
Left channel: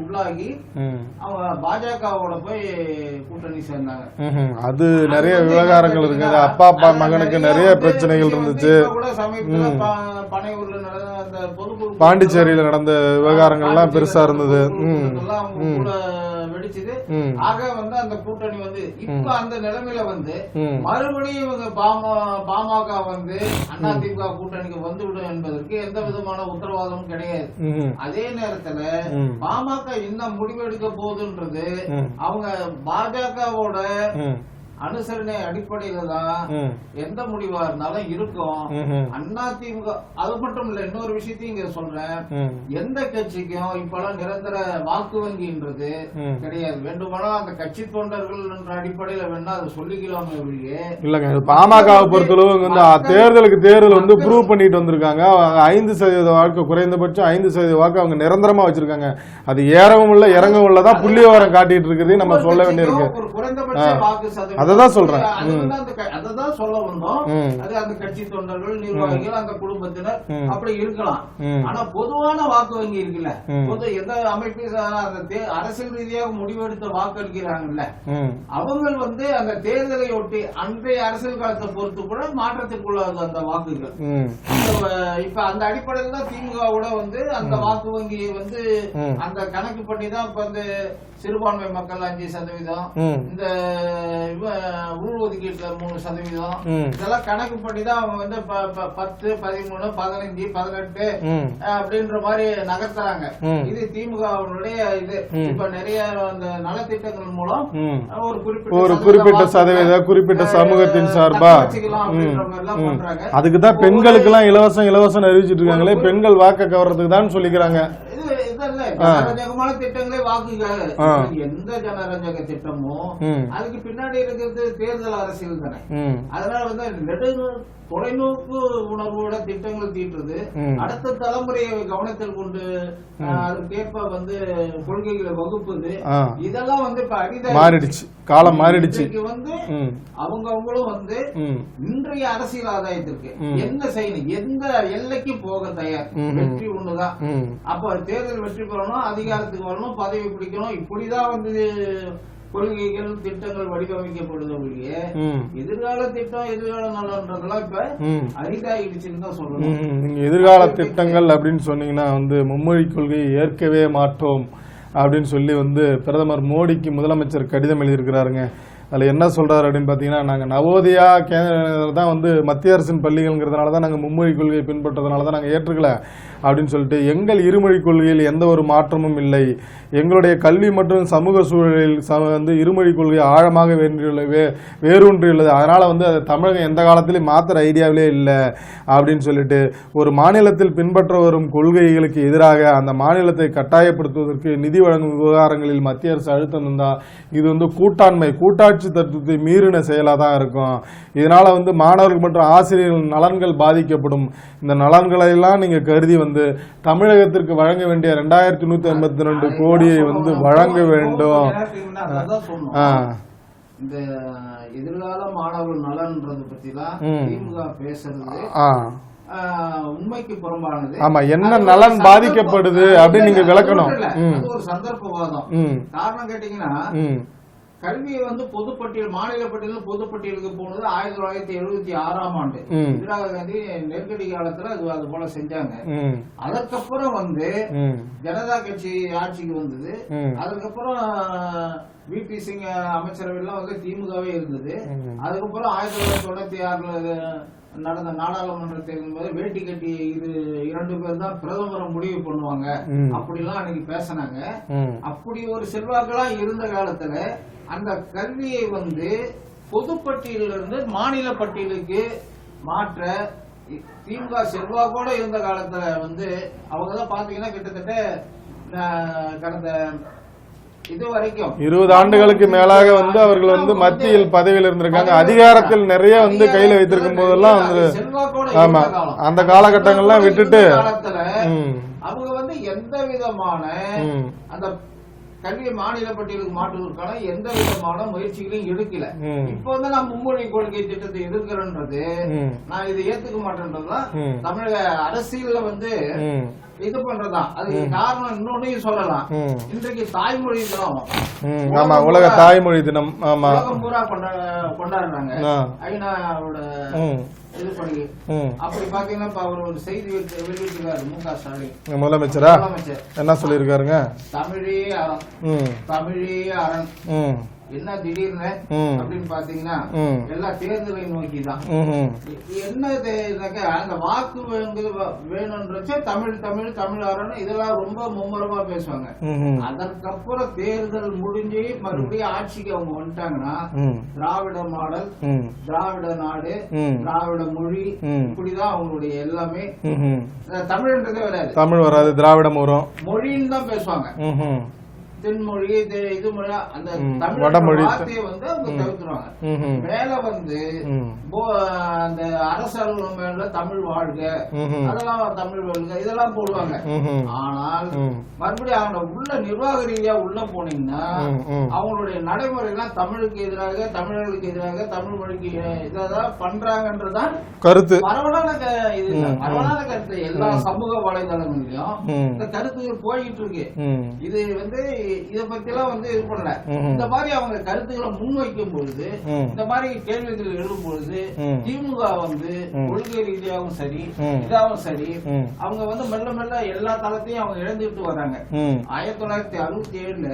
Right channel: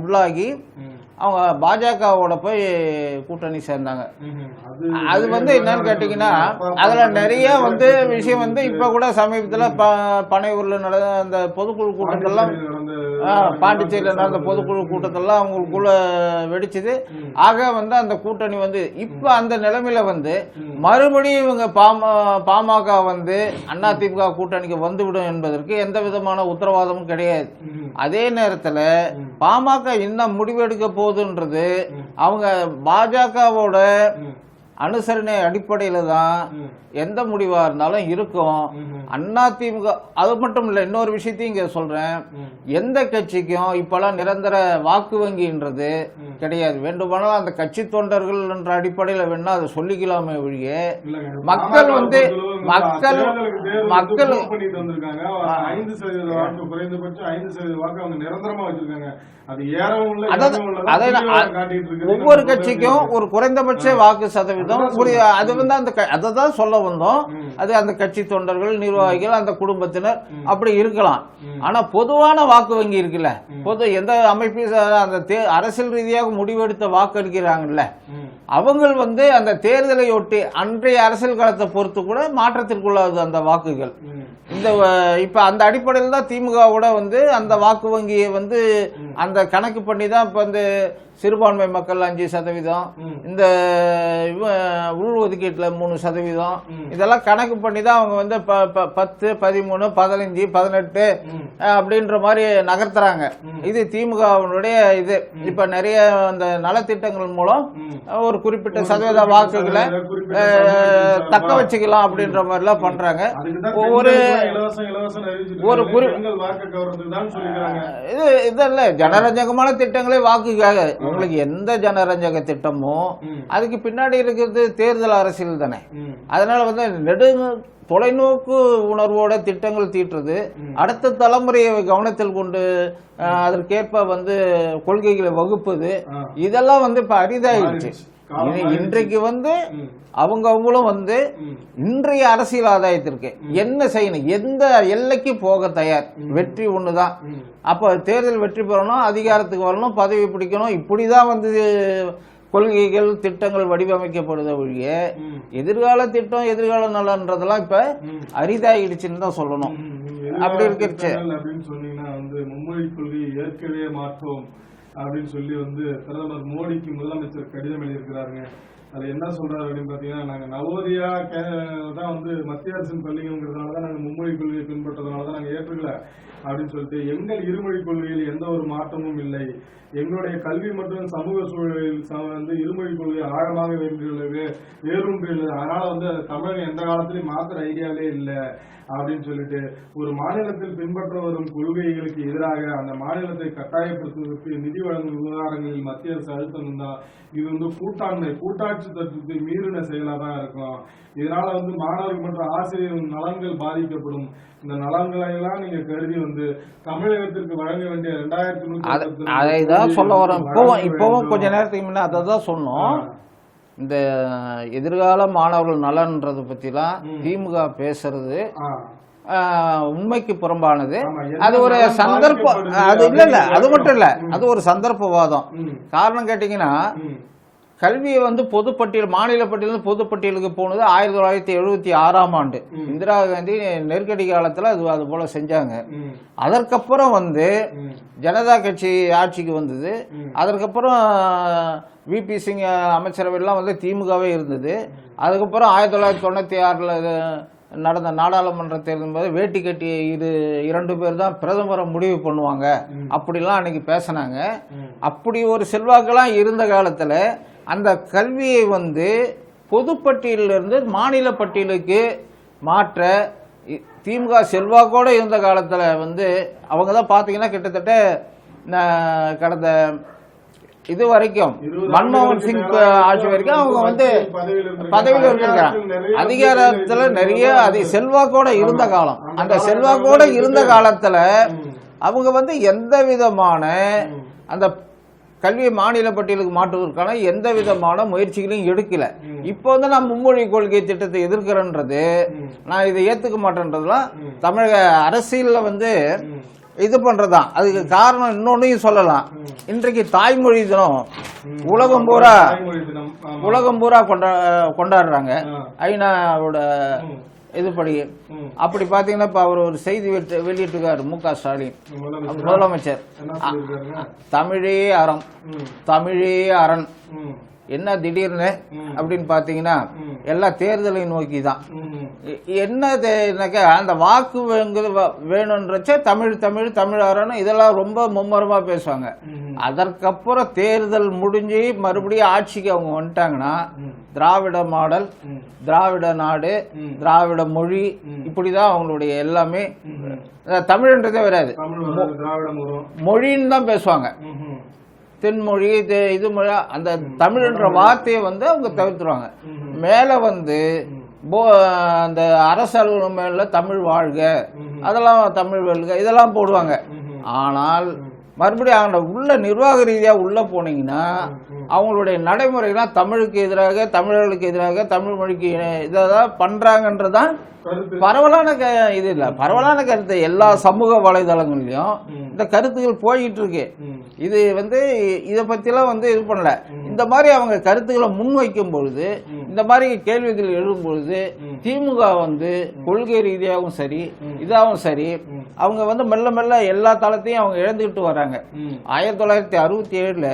உள்ளாகி அவங்க பாஜகவோட போய் கூட்டணி சேர்ந்தாங்க. அது நிறைய விஷயம் வந்து இப்ப கூட சமீபத்துல பனையூர்ல நடந்த அந்த பொதுக்குழு பாண்டிச்சேரியில நடந்த விவகாரங்கள்லாம் பெருசா இருந்தது. கூட்டத்தெல்லாம் அவங்களுக்குள்ள வெடிச்சது. ஆக வந்து அந்த கூட்டணி வந்து இப்ப அந்த நிலைமையில வந்து மறுபடியும் இவங்க பாமக வந்து அதிமுக கூட்டணிக்கு வந்துவிடும் என்பதற்கு எந்த விதமான உத்தரவாதமும் கிடையாது. அதே நேரத்துல பாமக என்ன முடிவெடுக்க போகுதுன்றது அவங்க பாஜகவோட அனுசரணை அடிப்படையில தான் எந்த முடிவா இருந்தாலும் இருக்கும். அதிமுக அது மட்டும் இல்ல, இன்னொரு விஷயத்தையும் இங்க சொல்றேன், எந்த கட்சிக்கும் இப்பெல்லாம் நிரந்தர வாக்கு வங்கின்றது கிடையாது. வேண்டுமானால் அந்த கட்சி தொண்டர்கள் என்ற அடிப்படையில வேணா அதை சொல்லிக்கலாமே ஒழிய இல்லங்க. பாமக தேர்தலுக்கு தேர்தல் வந்து ப்ரூவ் பண்ணிட்டு வந்திருக்காங்க. 5% வாக்கு, குறைந்தபட்சம் 5% வாக்கு அவங்க நிரந்தரமா வச்சிருக்காங்க. அது ஏறவும் இல்ல இறங்கவும் இல்லதான் புள்ளி விவரம் காட்டிட்டு இருக்குது. நம்ம சொல்ல வேண்டியது ஒரு குறைந்தபட்ச வாக்கு சதவீதம் அது வந்து அததான் சொல்ல வந்தோம். அது அந்த கட்சி தொண்டர்கள், நிர்வாகிகள், அந்த குடும்பத்தினர் அப்படி இருக்கலாம். ஆனா பொதுவான வாக்கு வங்கி இருக்குல்ல, பொது எந்த அமைப்பு அந்த அரசியல் ரீதியாக முடிவெடுத்த வாக்கு அளிக்கிறாங்கல்ல, அவங்க வந்து அந்த தேர்தலை ஒட்டி அன்றைய அரசியல் காலத்தை பொறுத்து கூட மாற்றத்திற்குள்ளாது அந்த வாக்குகள். இப்ப அந்த அடிப்படையில் தான் திமுகவோட வந்து அந்த வாக்கு வங்கியை வந்து அந்த கணக்கு பண்ணி தான் இப்ப வந்து சிறுபான்மை மக்கள் 5%, இந்த உள்ஒதுக்கீட்டுல 3%, இதெல்லாம் கணக்கு பண்ணி தான் அவங்க வந்து 10, 13, 15, 18 அப்படின்ற மாதிரி நகர்த்துறாங்க. இது திமுகவுடைய இது. இப்ப நிறைய அந்த நலத்திட்டங்கள் மூலம் ஒரு குறிப்பிட்ட குறிப்பிட்ட சமூகத்தின் சார்பா வச்சுக்கலாம் அப்படின்ற மாதிரி எல்லாம் பண்றாங்க. அதுக்குதான் பெண்களுக்கு எல்லாம் இலவசம் அறிவிச்சிட்டு இருக்காங்க. பெண்கள் வாக்கு கவர்றதுக்கு தான் சொல்லிக்கிறாங்க. இதல்ல ஜனரஞ்சகமான திட்டங்களே வாக்குக்காக. உங்களுக்கு எந்த ஜனரஞ்சக திட்டமோ அதுக்கு பின்னாடி இருக்கிறது தேர்தல் அரசியல் தானே. அதனால வந்து தொலைநோக்கு உணர்வோட திட்டங்கள் தீட்டுறது, அடுத்த தலைமுறையை கவனத்தில் கொண்டு அதற்கேற்ப வந்து கொள்கைகளை வகுப்பது, இதெல்லாம் வந்து இப்ப அரிதாயிடுச்சு. காலம் மாறிடுச்சு. வந்து அவங்களும் வந்து இன்றைய அரசியல் ஆதாயத்திற்கு என்ன செய்யணும், எந்த எல்லைக்கு போக தயார், வெற்றி ஒண்ணுதான். அப்ப தேர்தல் வெற்றி பெறணும், அதிகாரத்துக்கு வரணும், பதவி பிடிக்கணும், இப்படிதான் வந்து கொள்கைகள் திட்டங்கள் வடிவமைக்கப்படுத ஒழிய எதிர்கால திட்டம் எதிர்கால நலன்றதெல்லாம் இப்ப அரிதாகிடுச்சுன்னு தான் சொல்லணும். எதிர்கால திட்டங்கள் அப்படின்னு சொன்னீங்கன்னா வந்து மும்மொழி கொள்கையை ஏற்கவே மாட்டோம் அப்படின்னு சொல்லி வந்து பிரதமர் மோடிக்கு முதலமைச்சர் கடிதம் எழுதியிருக்கிறாருங்க. அதில் என்ன சொல்றாரு அப்படின்னு பார்த்தீங்கன்னா, நாங்கள் நவோதயா தான் வந்து மத்திய அரசின் பள்ளிகள்ங்கிறதுனால தான் நாங்கள் மும்மொழி கொள்கையை பின்பற்றதுனால தான் நாங்கள் ஏற்றுக்கல அப்படின்னு சொல்லிட்டு, எங்கள் இருமொழி கொள்கையில் எந்த ஒரு மாற்றமும் இல்லை, எங்களுடைய கல்வி மற்றும் சமூக சூழலில் வந்து இருமொழி கொள்கை ஆழமாக வேரூன்றியுள்ளது, அதனால வந்து அதை தமிழகம் எந்த காலத்திலையும் மாத்திர ஐடியாவிலே இல்லை அப்படின்னு சொல்லிட்டு, ஒரு மாநிலத்தில் பின்பற்ற வரும் கொள்கைகளுக்கு எதிராக அந்த மாநிலத்தை கட்டாயப்படுத்துவதற்கு நிதி வழங்கும் விவகாரங்களில் மத்திய அரசு அழுத்தம் இருந்தால் இது வந்து கூட்டாட்சி தத்துவத்தை மீறின செயலாக தான் இருக்கும். இதனால வந்து மாணவர்கள் மற்றும் ஆசிரியர்கள் நலன்கள் பாதிக்கப்படும். இந்த நலன்களை எல்லாம் நீங்க கருதி வந்து தமிழகத்திற்கு வழங்க வேண்டிய 2152 கோடியை வந்து வழங்க வேண்டும். அதான் சொன்னோம். இந்த எதிர்கால மாணவர்கள் நலன்றது பத்திலாம் திமுக பேசுறது உண்மைக்கு புறம்பானது. அது மட்டும் இல்ல, அது ஒரு சந்தர்ப்பவாதம். காரணம் கேட்டீங்கன்னா, கல்வியை வந்து பொதுப்பட்டியல் மாநில பட்டியல் பொதுப்பட்டியலுக்கு போனது 1976ஆம் ஆண்டு இந்திரா காந்தி நெருக்கடி காலத்துல அது போல செஞ்சாங்க. அதற்கப்புறம் வந்து ஜனதா கட்சி ஆட்சிக்கு வந்தது. அதற்கப்புறம் விபி சிங் அமைச்சரவையெல்லாம் வந்து திமுகவே இருந்தது. அதுக்கப்புறம் 1996ல நடந்த நாடாளுமன்ற தேர்தல் போது வேட்டி கட்டி இது 2 பேர் தான் பிரதமரை முடிவு பண்ணுவாங்க அப்படிலாம் அன்னைக்கு பேசினாங்க. அப்படி ஒரு செல்வாக்கெல்லாம் இருந்த காலத்துல அந்த கல்வியை வந்து பொதுப்பட்டியலிருந்து மாநில பட்டியலுக்கு மாற்ற திமுக செல்வாக்கோட இருந்த காலத்துல வந்து அவங்க தான் பாத்தீங்கன்னா கிட்டத்தட்ட கடந்த இது வரைக்கும் 20 ஆண்டுகளுக்கு மேலாக வந்து அவர்கள் வந்து மத்தியில் பதவியில் இருந்திருக்காங்க. அதிகாரத்தில் நிறைய வந்து கையில வைத்திருக்காங்க. செல்வாக்கோட இருந்த காலம். அந்த காலகட்டங்கள்ல விட்டுட்டு காலத்துல அவங்க வந்து எந்த விதமான அந்த கல்வியை மாநில பட்டியலுக்கு மாற்றுவதற்கான எந்த விதமான முயற்சிகளையும் எடுக்கல. இப்போ வந்து நான் மும்மொழி கொள்கை திட்டத்தை எதிர்க்கிறேன்றது, நான் இதை ஏத்துக்க மாட்டேன்றதுலாம் தமிழக அரசியல்ல வந்து இது பண்றதுதான். அதுக்கு காரணம் இன்னொன்னையும் சொல்லலாம். இன்றைக்கு தாய்மொழி தினம் உலகம் பூரா தாய்மொழி தினம் உலகம் பூரா கொண்டாடுறாங்க. ஐநாவோட இதுபடி அப்படி பாத்தீங்கன்னா இப்ப அவர் ஒரு செய்தி வெளியிட்டிருக்காரு மு.க. ஸ்டாலின் முதலமைச்சர். என்ன சொல்லியிருக்காருங்க? தமிழே அறம், தமிழே அரண். என்ன திடீர்னு அப்படின்னு பாத்தீங்கன்னா எல்லா தேர்தலையும் நோக்கிதான். என்னக்கா அந்த வாக்கு வேணும்ன்றச்ச தமிழ் தமிழ் தமிழ் அரண் இதெல்லாம் ரொம்ப மும்மரமா பேசுவாங்க. அதற்கப்புறம் தேர்தல் முடிஞ்சு மறுபடியும் ஆட்சிக்கு அவங்க வந்துட்டாங்கன்னா திராவிட மாடல், திராவிட நாடு, திராவிட மொழி, இப்படிதான் அவங்களுடைய எல்லாமே. தமிழ்ன்றதே வராது, தமிழ் வராது, திராவிடம் வரும், மொழின்னு தான் பேசுவாங்க. தென்மொழி இது மொழி அந்த தமிழ் வார்த்தையை வந்து அவங்க தவிர்த்துருவாங்க. மேல வந்து அந்த அரசல் மேல தமிழ் வாழ்க, அதெல்லாம் தமிழ் வாழ்க இதெல்லாம் போடுவாங்க. ஆனால் மறுபடியும் உள்ள நிர்வாக ரீதியா உள்ள போனீங்கன்னா அவங்களுடைய நடைமுறைலாம் தமிழுக்கு எதிராக, தமிழர்களுக்கு எதிராக, தமிழ் மொழிக்கு இதான் பண்றாங்கன்றதான் கருத்து. பரவலான இது இல்ல, பரவலான கருத்து எல்லா சமூக வலைதளங்கள்லயும் இந்த கருத்துக்கள் போயிட்டு இருக்கு. இது வந்து இத பத்தி எல்லாம் வந்து இது பண்ணல. இந்த மாதிரி அவங்க கருத்துக்களை முன்வைக்கும் பொழுது, இந்த மாதிரி கேள்விகள் எழும் பொழுது திமுக வந்து கொள்கை ரீதியாகவும் சரி இதாகவும் சரி அவங்க வந்து மெல்ல மெல்ல எல்லா தளத்தையும் அவங்க இழந்துகிட்டு வர்றாங்க. 1967ல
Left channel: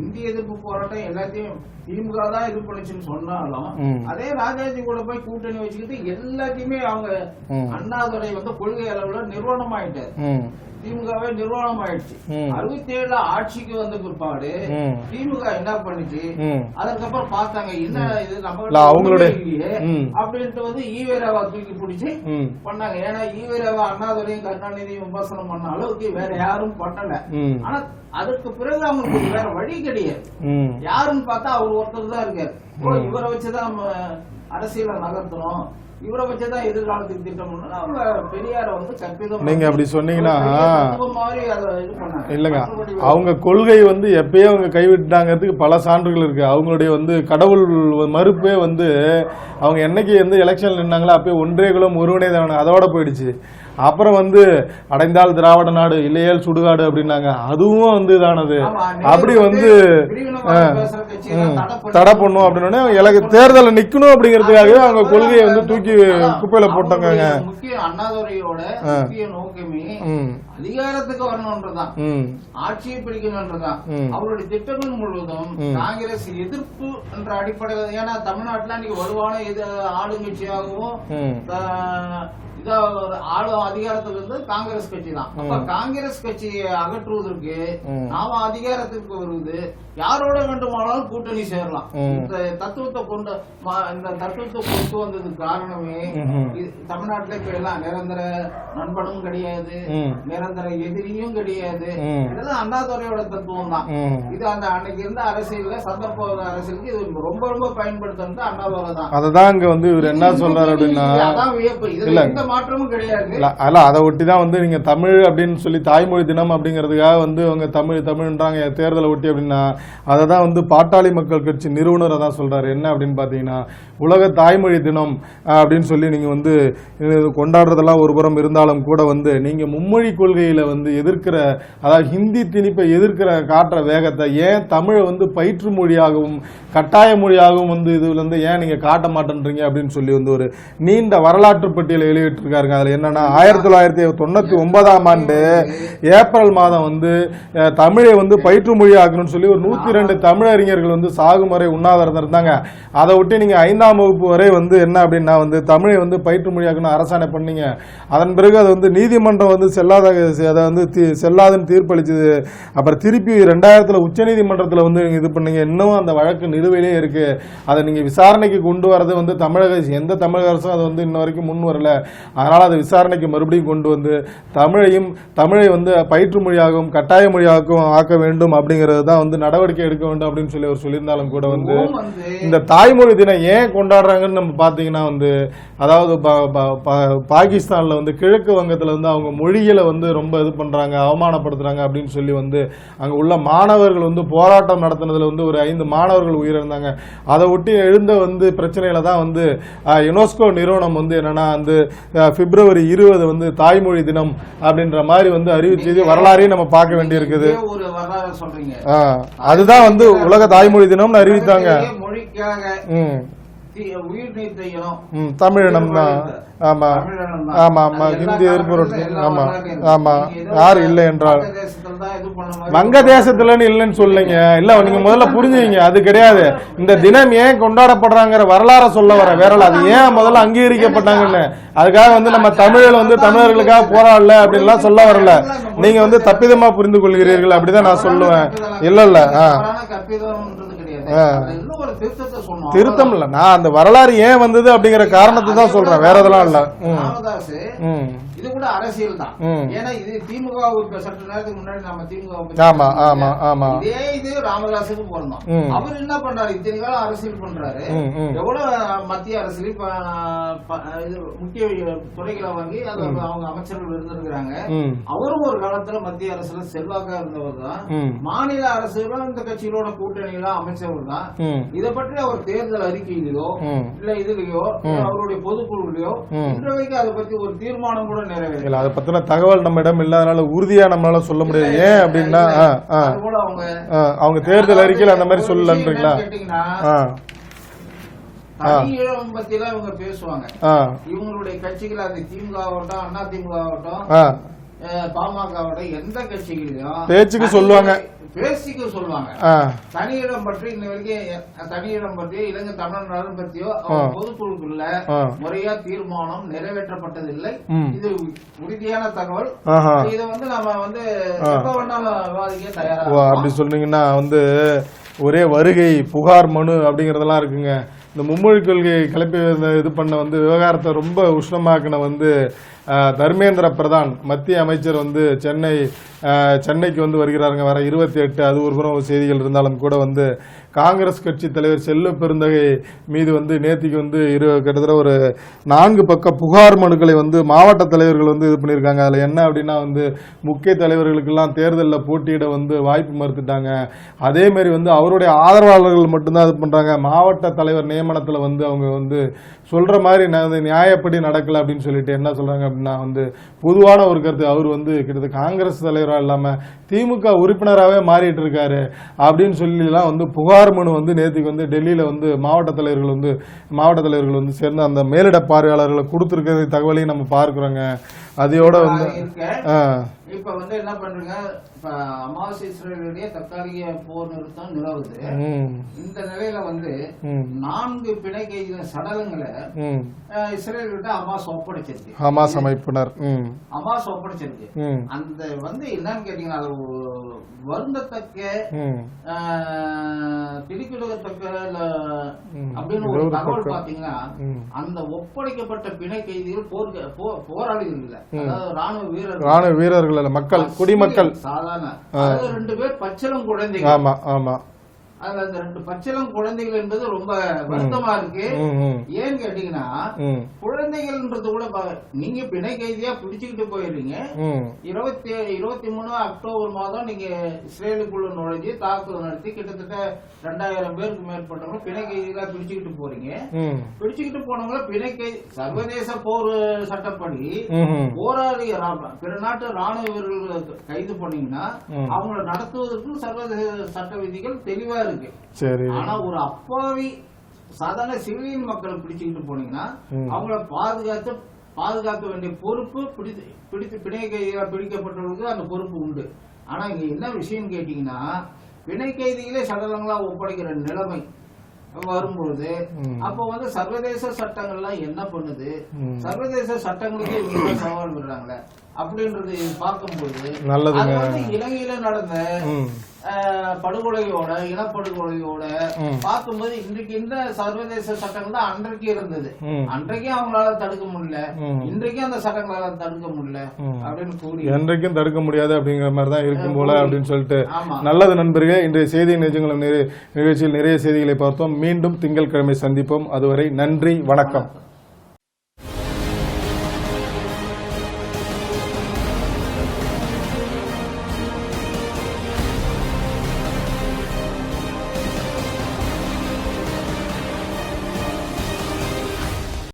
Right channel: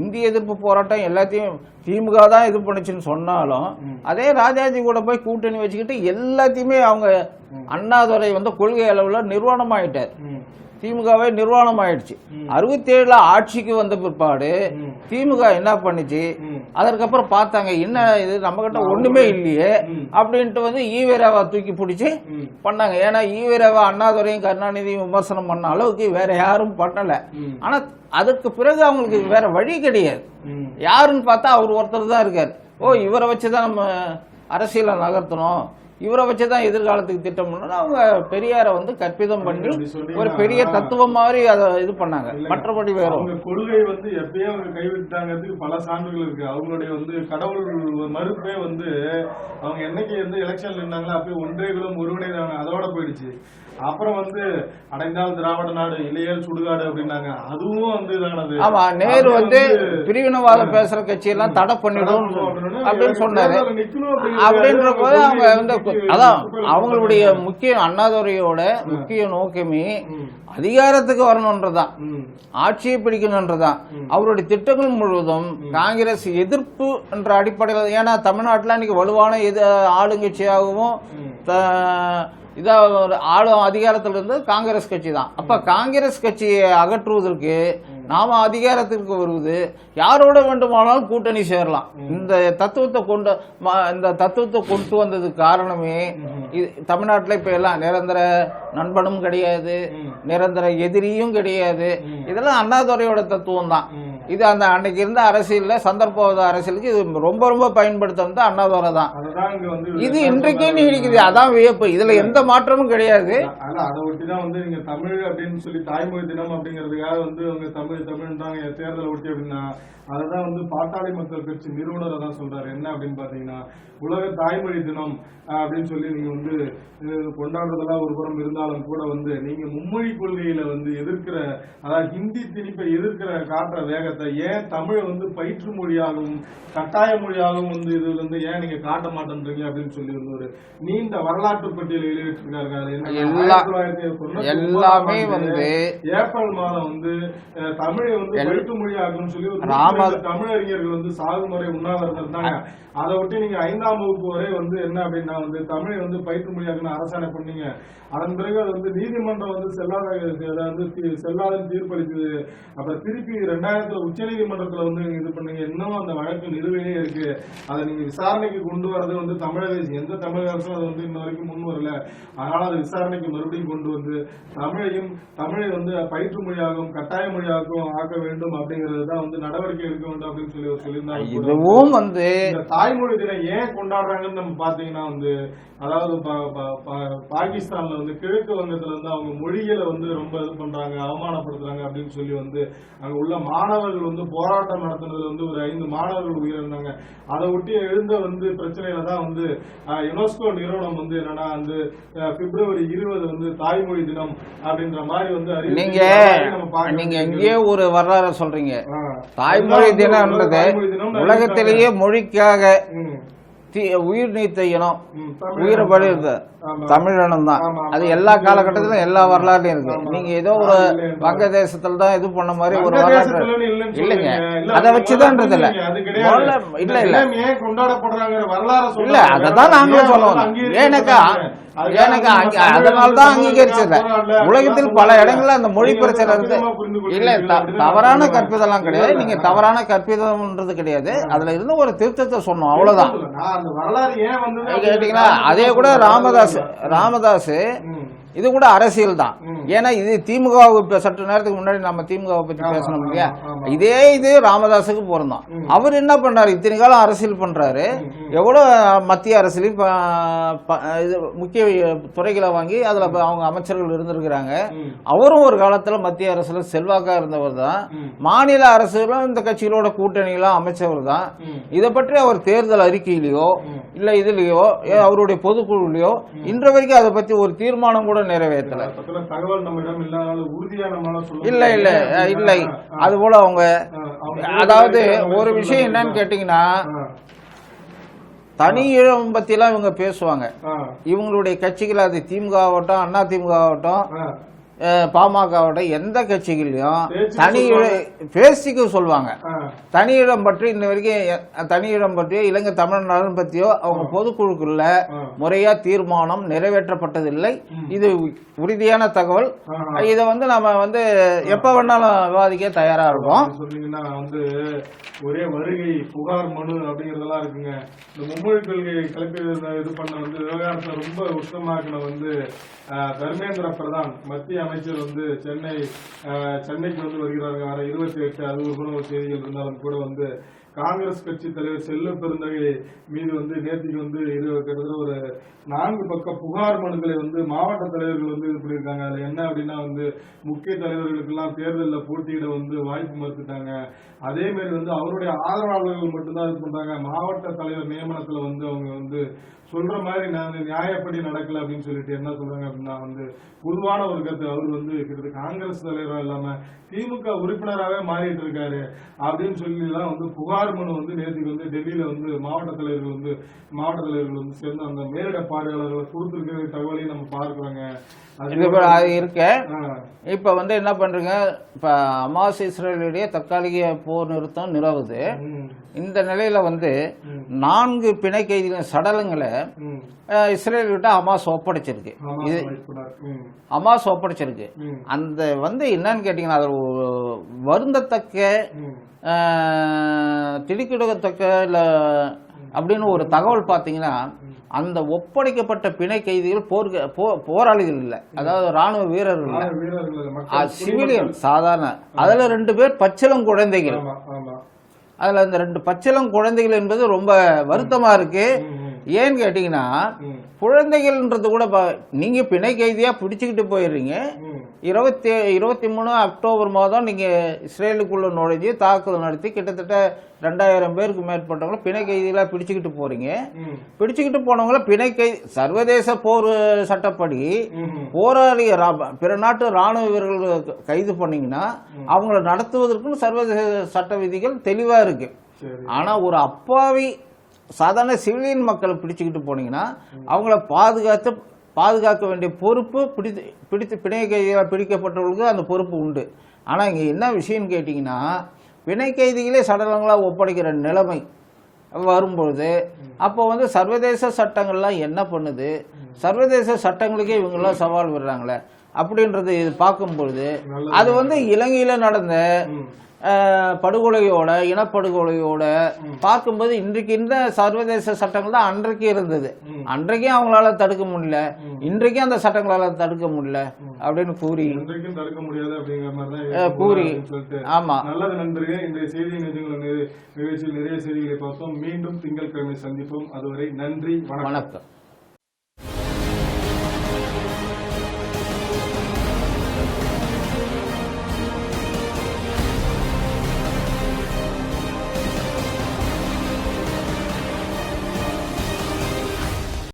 இந்திய எதிர்ப்பு போராட்டம் எல்லாத்தையும் திமுக தான் இது பண்ணுச்சுன்னு சொன்னாலும் அதே ராஜாஜி கூட போய் கூட்டணி வச்சுக்கிட்டு எல்லாத்தையுமே அவங்க அண்ணாதுரை வந்து கொள்கை அளவுல நிர்வாணம் ஆயிட்டார். திமுகவே நிர்வாணம் ஆயிடுச்சு. 67ல ஆட்சிக்கு வந்த பிற்பாடு திமுக என்ன பண்ணுச்சு, அதற்கப்புறம் பார்த்தாங்க என்ன இது நம்ம கிட்ட ஒண்ணுமே இல்லையே அப்படின்ட்டு வந்து ஈவேராவை தூக்கி பிடிச்சு பண்ணாங்க. ஏன்னா ஈவேராவை அண்ணாதுரையும் கருணாநிதியும் விமர்சனம் பண்ண அளவுக்கு வேற யாரும் பண்ணல. ஆனா அதுக்கு பிறகு அவங்களுக்கு வேற வழி கிடையாது. யாருன்னு பார்த்தா அவர் ஒருத்தர் தான் இருக்காரு. இவரை வச்சுதான் நம்ம அரசியலை நகர்த்தணும், இவரை வச்சுதான் எதிர்காலத்துக்கு திட்டம் பண்ணணும். அவங்க பெரியார வந்து கற்பிதம் பெரிய தத்துவம் மாதிரி அதை இது பண்ணாங்க. அவங்க கொள்கை வந்து எப்பயே அவங்க கைவிட்டாங்கிறதுக்கு பல சான்றுகள் இருக்கு. அவங்களுடைய வந்து கடவுள் மறுப்பே வந்து அவங்க என்னைக்கு எந்த எலெக்ஷன் நின்னாங்களோ அப்பயே ஒன்றே குலம் ஒருவனே தான், அதோட போயிடுச்சு. அப்புறம் வந்து அடைந்தால் திராவிட நாடு இல்லையேல் சுடுகாடு அப்படின்னாங்க. அதுவும் வந்து இதானது. அப்படி வந்து தடை பண்ணும் அப்படின்னு தேர்தல நிக்கணும் அப்படிங்கிறதுக்காகவே அவங்க கொள்கையை வந்து தூக்கி குப்பையில போட்டாங்க. முக்கிய அண்ணாதுரையோட முக்கிய நோக்கமே அதிகாரத்துக்கு வரணும்ன்றதான், ஆட்சியை பிடிக்கணும்ன்றதான். அவருடைய திட்டங்கள் முழுவதும் காங்கிரஸ் எதிர்ப்பு என்ற அடிப்படையில். ஏன்னா தமிழ்நாட்டுல இன்னைக்கு வலுவான ஆளுங்கட்சியாகவும் இதா ஆளும் அதிகாரத்துல இருந்து காங்கிரஸ் கட்சி தான். அப்ப காங்கிரஸ் கட்சியை அகற்றுவதற்கு நாம அதிகாரத்திற்கு வருவது யாரோட வேண்டுமானாலும் கூட்டணி சேரலாம். இந்த தத்துவத்தை கொண்டு வந்ததுக்கு காரணமே தமிழ்நாட்டுல இப்ப எல்லாம் நிரந்தர நண்பனும் கிடையாது, நிரந்தர எதிரியும் கிடையாது. இதெல்லாம் அண்ணாதுரையோட தத்துவம் தான். இது அந்த அன்னைக்கு இருந்த அரசியல்ல சந்தர்ப்பவாத அரசியலுக்கு இது ரொம்ப ரொம்ப பயன்படுத்துறது அண்ணாதுரை தான். அதுதான் இங்க வந்து அதான் வியப்பு. இதுல எந்த மாற்றமும் கிடையாது. அதை ஒட்டிதான் வந்து நீங்க தமிழ் அப்படின்னு சொல்லி தாய்மொழி தினம் அப்படிங்கிறதுக்காக வந்து அவங்க தமிழ் தமிழ்ன்றாங்க தேர்தலை ஒட்டி அப்படின்னா அதை தான் வந்து பாட்டாளி மக்கள் கட்சி நிறுவனர் தான் சொல்றாரு. என்ன அப்படின்னு பாத்தீங்கன்னா உலக தாய்மொழி தினம் அப்படின்னு சொல்லி நீங்க வந்து கொண்டாடுறதெல்லாம் ஒரு புறம் இருந்தாலும் கூட வந்து நீங்க மும்மொழி கொள்கையில வந்து எதிர்க்கிற, அதாவது ஹிந்தி திணிப்பை எதிர்க்கிற காட்டுற வேகத்தை ஏன் தமிழை வந்து பயிற்று மொழியாகவும் கட்டாய மொழியாகவும் வந்து இதுல இருந்து ஏன் நீங்க காட்ட மாட்டேன்றீங்க அப்படின்னு சொல்லி வந்து ஒரு நீண்ட வரலாற்று பட்டியலை வெளியிட்டு இருக்காருங்க. அதுல என்னன்னா 1999ஆம் ஆண்டு ஏப்ரல் மாதம் வந்து தமிழை வந்து பயிற்று மொழி ஆக்கணும்னு சொல்லி ஒரு 102 தமிழறிஞர்கள் வந்து சாகுமுறை உண்ணாவிரதம் இருந்தாங்க. அதை விட்டு நீங்க 5ஆம் வகுப்பு வரை வந்து என்ன அப்படின்னா வந்து தமிழை வந்து பயிற்று மொழியாக்கணும் அரசாணை பண்ணீங்க. அதன் பிறகு அது வந்து நீதிமன்றம் வந்து அதை வந்து செல்லாதுன்னு தீர்ப்பளிச்சது. அப்புறம் திருப்பி 2000 உச்சநீதிமன்றத்தில் வந்து இது பண்ணீங்க. இன்னும் அந்த வழக்கு நிலுவையிலே இருக்கு. அதை நீங்க விசாரணைக்கு கொண்டு வரது வந்து எந்த தமிழக அரசும் அது வந்து இன்ன வரைக்கும் முன் வரல. அதனால அதை விசாரணைக்கு மறுபடியும் கொண்டு வந்து தமிழை வந்து பயிற்று மொழியாகவும் கட்டாய மொழியாகவும் ஆக்க வேண்டும் அப்படிங்கிறது தான் வந்து நடவடிக்கை எடுக்க வேண்டும் அப்படின்னு சொல்லி அவர் சொல்லியிருந்தாலும் கூட வந்து இந்த தாய்மொழி தினம் ஏன் கொண்டாடுறாங்கன்னு நம்ம பார்த்தீங்கன்னா வந்து அதாவது பாகிஸ்தான்ல வந்து கிழக்கு வங்கத்துல வந்து அவங்க மொழிகளை வந்து ரொம்ப இது பண்றாங்க, அவமானப்படுத்துறாங்க அப்படின்னு சொல்லி வந்து அங்க உள்ள மாணவர்கள் வந்து போராட்டம் நடத்தினதுல வந்து ஒரு 5 மாணவர்கள் உயிரிழந்தாங்க. அதை ஒட்டி எழுந்த வந்து பிரச்சனையில தான் வந்து யுனெஸ்கோ நிறுவனம் வந்து என்னன்னா வந்து பிப்ரவரி 20 வந்து தாய்மொழி தினம் அப்படின்ற மாதிரி வந்து அறிவிச்சு வரலாறையும் நம்ம பார்க்க வேண்டியிருக்குது. ஒரு வரலாறு சொல்றீங்க, அதுதான் வந்து உலக தாய்மொழி தினம் அறிவித்தாங்க. மொழிக்காக உயிர் நீத்த இனம் தமிழினம் தான். எல்லா காலகட்டத்திலும் எல்லா வரலாறுலயும் வங்கதேசத்துல தான் இது பண்ண மாதிரி வங்கதேசத்துல இல்லன்னு சொல்லுங்க. இல்ல முதல்ல புரிஞ்சுங்க, அது கிடையாது. இந்த தினம் ஏன் கொண்டாடப்படுறாங்கிற வரலாற சொல்ல வேற ஏன் முதல்ல அங்கீகரிக்கப்பட்டாங்கன்னு அதுக்காக வந்து நம்ம தமிழில் வந்து தமிழர்களுக்காக போராடல அப்படின்லாம் சொல்ல வரல. நீங்க வந்து தப்பிதமா புரிந்து கொள்கிறீர்கள் அப்படிதான் நான் சொல்லுவேன். இல்ல தவறான கற்பிதம்ன்றது கிடையாது. அதுல இருந்து ஒரு திருத்தத்தை சொன்னோம். திருத்தம் இல்ல, நான் அந்த வரலாறு ஏன் வந்தது அப்படிங்கிற காரணத்தை தான் சொல்றேன், வேற எதுவும் இல்ல. ராமதாஸ் இது கூட அரசியல் தான். ஏன்னா இது திமுகவுக்கு சற்று நேரத்துக்கு முன்னாடி நம்ம திமுகவை பத்தி இதே இது ராமதாஸுக்கு பொருந்தோம். அவர் என்ன பண்றாரு, இத்தனை காலம் அரசியல் பண்றாரு, எவ்வளவு மத்திய அரசியல் முக்கிய துறைகளை வாங்கி அதுல அவங்க அமைச்சர்கள் இருந்திருக்கிறாங்க. அவரும் ஒரு காலத்துல மத்திய அரசுல செல்வாக்கா இருந்தவர் தான். மாநில அரசுகளும் இந்த கட்சிகளோட கூட்டணியெல்லாம் அமைச்சவர் தான். இதை பற்றி அவர் தேர்தல் அறிக்கையிலயோ இல்ல இதுலயோ அவருடைய பொதுக்குழுலயோ இன்று வரைக்கும் அதை பத்தி ஒரு தீர்மானம் கூட நிறைவேறல. அதை பத்தின தகவல் நம்ம இடம் இல்லாதனால உறுதியா நம்மளால சொல்ல முடியல. அது போல அவங்க தேர்தல் அறிக்கையில அந்த மாதிரி சொல்லல. என்னன்னு கேட்டீங்கன்னா தனி இடம் பத்தி எல்லாம் இவங்க பேசுவாங்க. இவங்களுடைய கட்சிகள் அது திமுக ஆகட்டும் அண்ணா திமுக ஆகட்டும் பாமக ஆகட்டும் எந்த கட்சிகளையும் பேசிக்க சொல்லுவாங்க. தனியிடம் பற்றி இந்த வரைக்கும் தனியிடம் பற்றியோ இலங்கை தமிழ் நலன் பற்றியோ அவங்க பொதுக்குழுக்குள்ள முறையா தீர்மானம் நிறைவேற்றப்பட்டதில்லை. இது உறுதியான தகவல். இதை வந்து நம்ம வந்து எப்ப வேணாலும் விவாதிக்க தயாரா இருக்கும். சொன்னீங்கன்னா வந்து ஒரே வருகை புகார் மனு அப்படிங்கறதெல்லாம் இருக்குங்க. இந்த மும்மொழி கொள்கை கிளப்பி இது பண்ண வந்து விவகாரத்தை ரொம்ப உஷ்ணமாக்கின வந்து தர்மேந்திர பிரதான் மத்திய அமைச்சர் வந்து சென்னைக்கு வந்து வருகிறாருங்க. வர 28 அது ஒரு புறம் செய்திகள் இருந்தாலும் கூட வந்து காங்கிரஸ் கட்சி தலைவர் செல்வ பெருந்தகை மீது வந்து நேத்திக்கு வந்து கிட்டத்தட்ட ஒரு 4 பக்க புகார் மனுக்களை வந்து மாவட்ட தலைவர்கள் வந்து இது பண்ணியிருக்காங்க. அதில் என்ன அப்படின்னா வந்து முக்கிய தலைவர்களுக்கெல்லாம் தேர்தலில் போட்டியிட வந்து வாய்ப்பு மறுத்துட்டாங்க. அதேமாரி வந்து அவருடைய ஆதரவாளர்கள் மட்டும்தான் இது பண்ணுறாங்க. மாவட்ட தலைவர் நியமனத்தில் வந்து அவங்க வந்து சொல்ற மாதிரி நியாயப்படி நடக்கல அப்படின்னு சொல்லிட்டு என்ன சொல்றாங்க அப்படின்னா வந்து பொதுவான ஒரு கருத்து, அவர் வந்து கிட்டத்தட்ட காங்கிரஸ் தலைவராக இல்லாம திமுக உறுப்பினராகவே மாறிட்டு இருக்காரு அப்படின்னு சொல்லிலாம் வந்து புகார் மனு வந்து நேற்றுக்கு வந்து டெல்லியில வந்து மாவட்ட தலைவர்கள் வந்து சேர்ந்து அந்த மேலிட பார்வையாளர்களை கொடுத்துருக்கிற தகவலையும் நம்ம பார்க்கிறோங்க. அதையோட இருக்க இப்ப வந்து என்ன பண்றீங்க, இப்ப ஹமாஸ் இஸ்ரேலுடைய தற்காலிக போர் நிறுத்தம் நிலவுது. இந்த நிலையில வந்து 4 பிணை கைதிகளின் சடலங்களை இஸ்ரேல் விட்டு ஹமாஸ் ஒப்படைச்சிருக்கு. ஹமாஸ் அமைப்பினர் ஹமாஸ் ஒப்படைச்சிருக்கு. அந்த வந்து என்னன்னு கேட்டீங்கன்னா அது வருந்தத்தக்க திடுக்கிடத்தக்க இல்ல அப்படின்னு ஒரு தகவல் பாத்தீங்கன்னா அந்த ஒப்படைக்கப்பட்ட பிணை கைதிகள் போராளிகள் இல்ல, அதாவது ராணுவ வீரர்கள் இல்ல, மக்கள் குடிமக்கள் சாதாரண. அதுல 2 பேர் பச்சிளம் குழந்தைகள். ஆமா ஆமா. அதுல இந்த 2 பச்சிளம் குழந்தைகள் என்பது ரொம்ப வருத்தமா இருக்கு. ஏன்னு கேட்டீங்கன்னா குழந்தைகள்ன்றது கூட நீங்க பிணை கைதியா பிடிச்சுக்கிட்டு போயிடுறீங்க. 23 அக்டோபர் மாதம் நீங்க இஸ்ரேலுக்குள்ள நுழைஞ்சு தாக்குதல் நடத்தி கிட்டத்தட்ட 2000 பேருக்கு மேற்பட்டவங்கள பிணை கைதிகளா பிடிச்சுக்கிட்டு போறீங்க. பிடிச்சுக்கிட்டு போனவங்கள பிணை கைதி சர்வதேச போர் சட்டப்படி போராளிய பிற நாட்டு ராணுவ வீரர்கள் கைது பண்ணீங்கன்னா அவங்கள நடத்துவதற்கு சர்வதேச சட்ட விதிகள் தெளிவா இருக்கு. ஆனா ஒரு அப்பாவி சாதாரண சிவிலியன் மக்களை பிடிச்சுக்கிட்டு போனீங்கன்னா அவங்கள பாதுகாத்து பாதுகாக்க வேண்டிய பொறுப்பு பிடித்து பிணை கைதிகளாக பிடிக்கப்பட்டவர்களுக்கு அந்த பொறுப்பு உண்டு. ஆனால் இங்கே என்ன விஷயம்னு கேட்டிங்கன்னா, பிணை கைதிகளே சடலங்களாக ஒப்படைக்கிற நிலைமை வரும்பொழுது அப்போ வந்து சர்வதேச சட்டங்கள்லாம் என்ன பண்ணுது, சர்வதேச சட்டங்களுக்கே இவங்களாம் சவால் விடுறாங்களே அப்படின்றது பார்க்கும்பொழுது அது வந்து இலங்கையில நடந்த படுகொலையோட இனப்படுகொலையோட பார்க்கும்போது இன்றைக்கு இந்த சர்வதேச சட்டங்கள் தான் அன்றைக்கு இருந்தது. அன்றைக்கும் அவங்களால தடுக்க முடியல, இன்றைக்கும் அந்த சட்டங்களால தடுக்க முடியல அப்படின்னு கூறி அன்றைக்கும் தடுக்க முடியாது அப்படிங்கிற மாதிரி தான் இருக்கும் போல அப்படின்னு சொல்லிட்டு. நல்லது நண்பர்களே, இன்றைய செய்தி நிகழ்ச்சியில் நிறைய செய்திகளை பார்த்தோம். மீண்டும் திங்கட்கிழமை சந்திப்போம். அதுவரை நன்றி, வணக்கம்.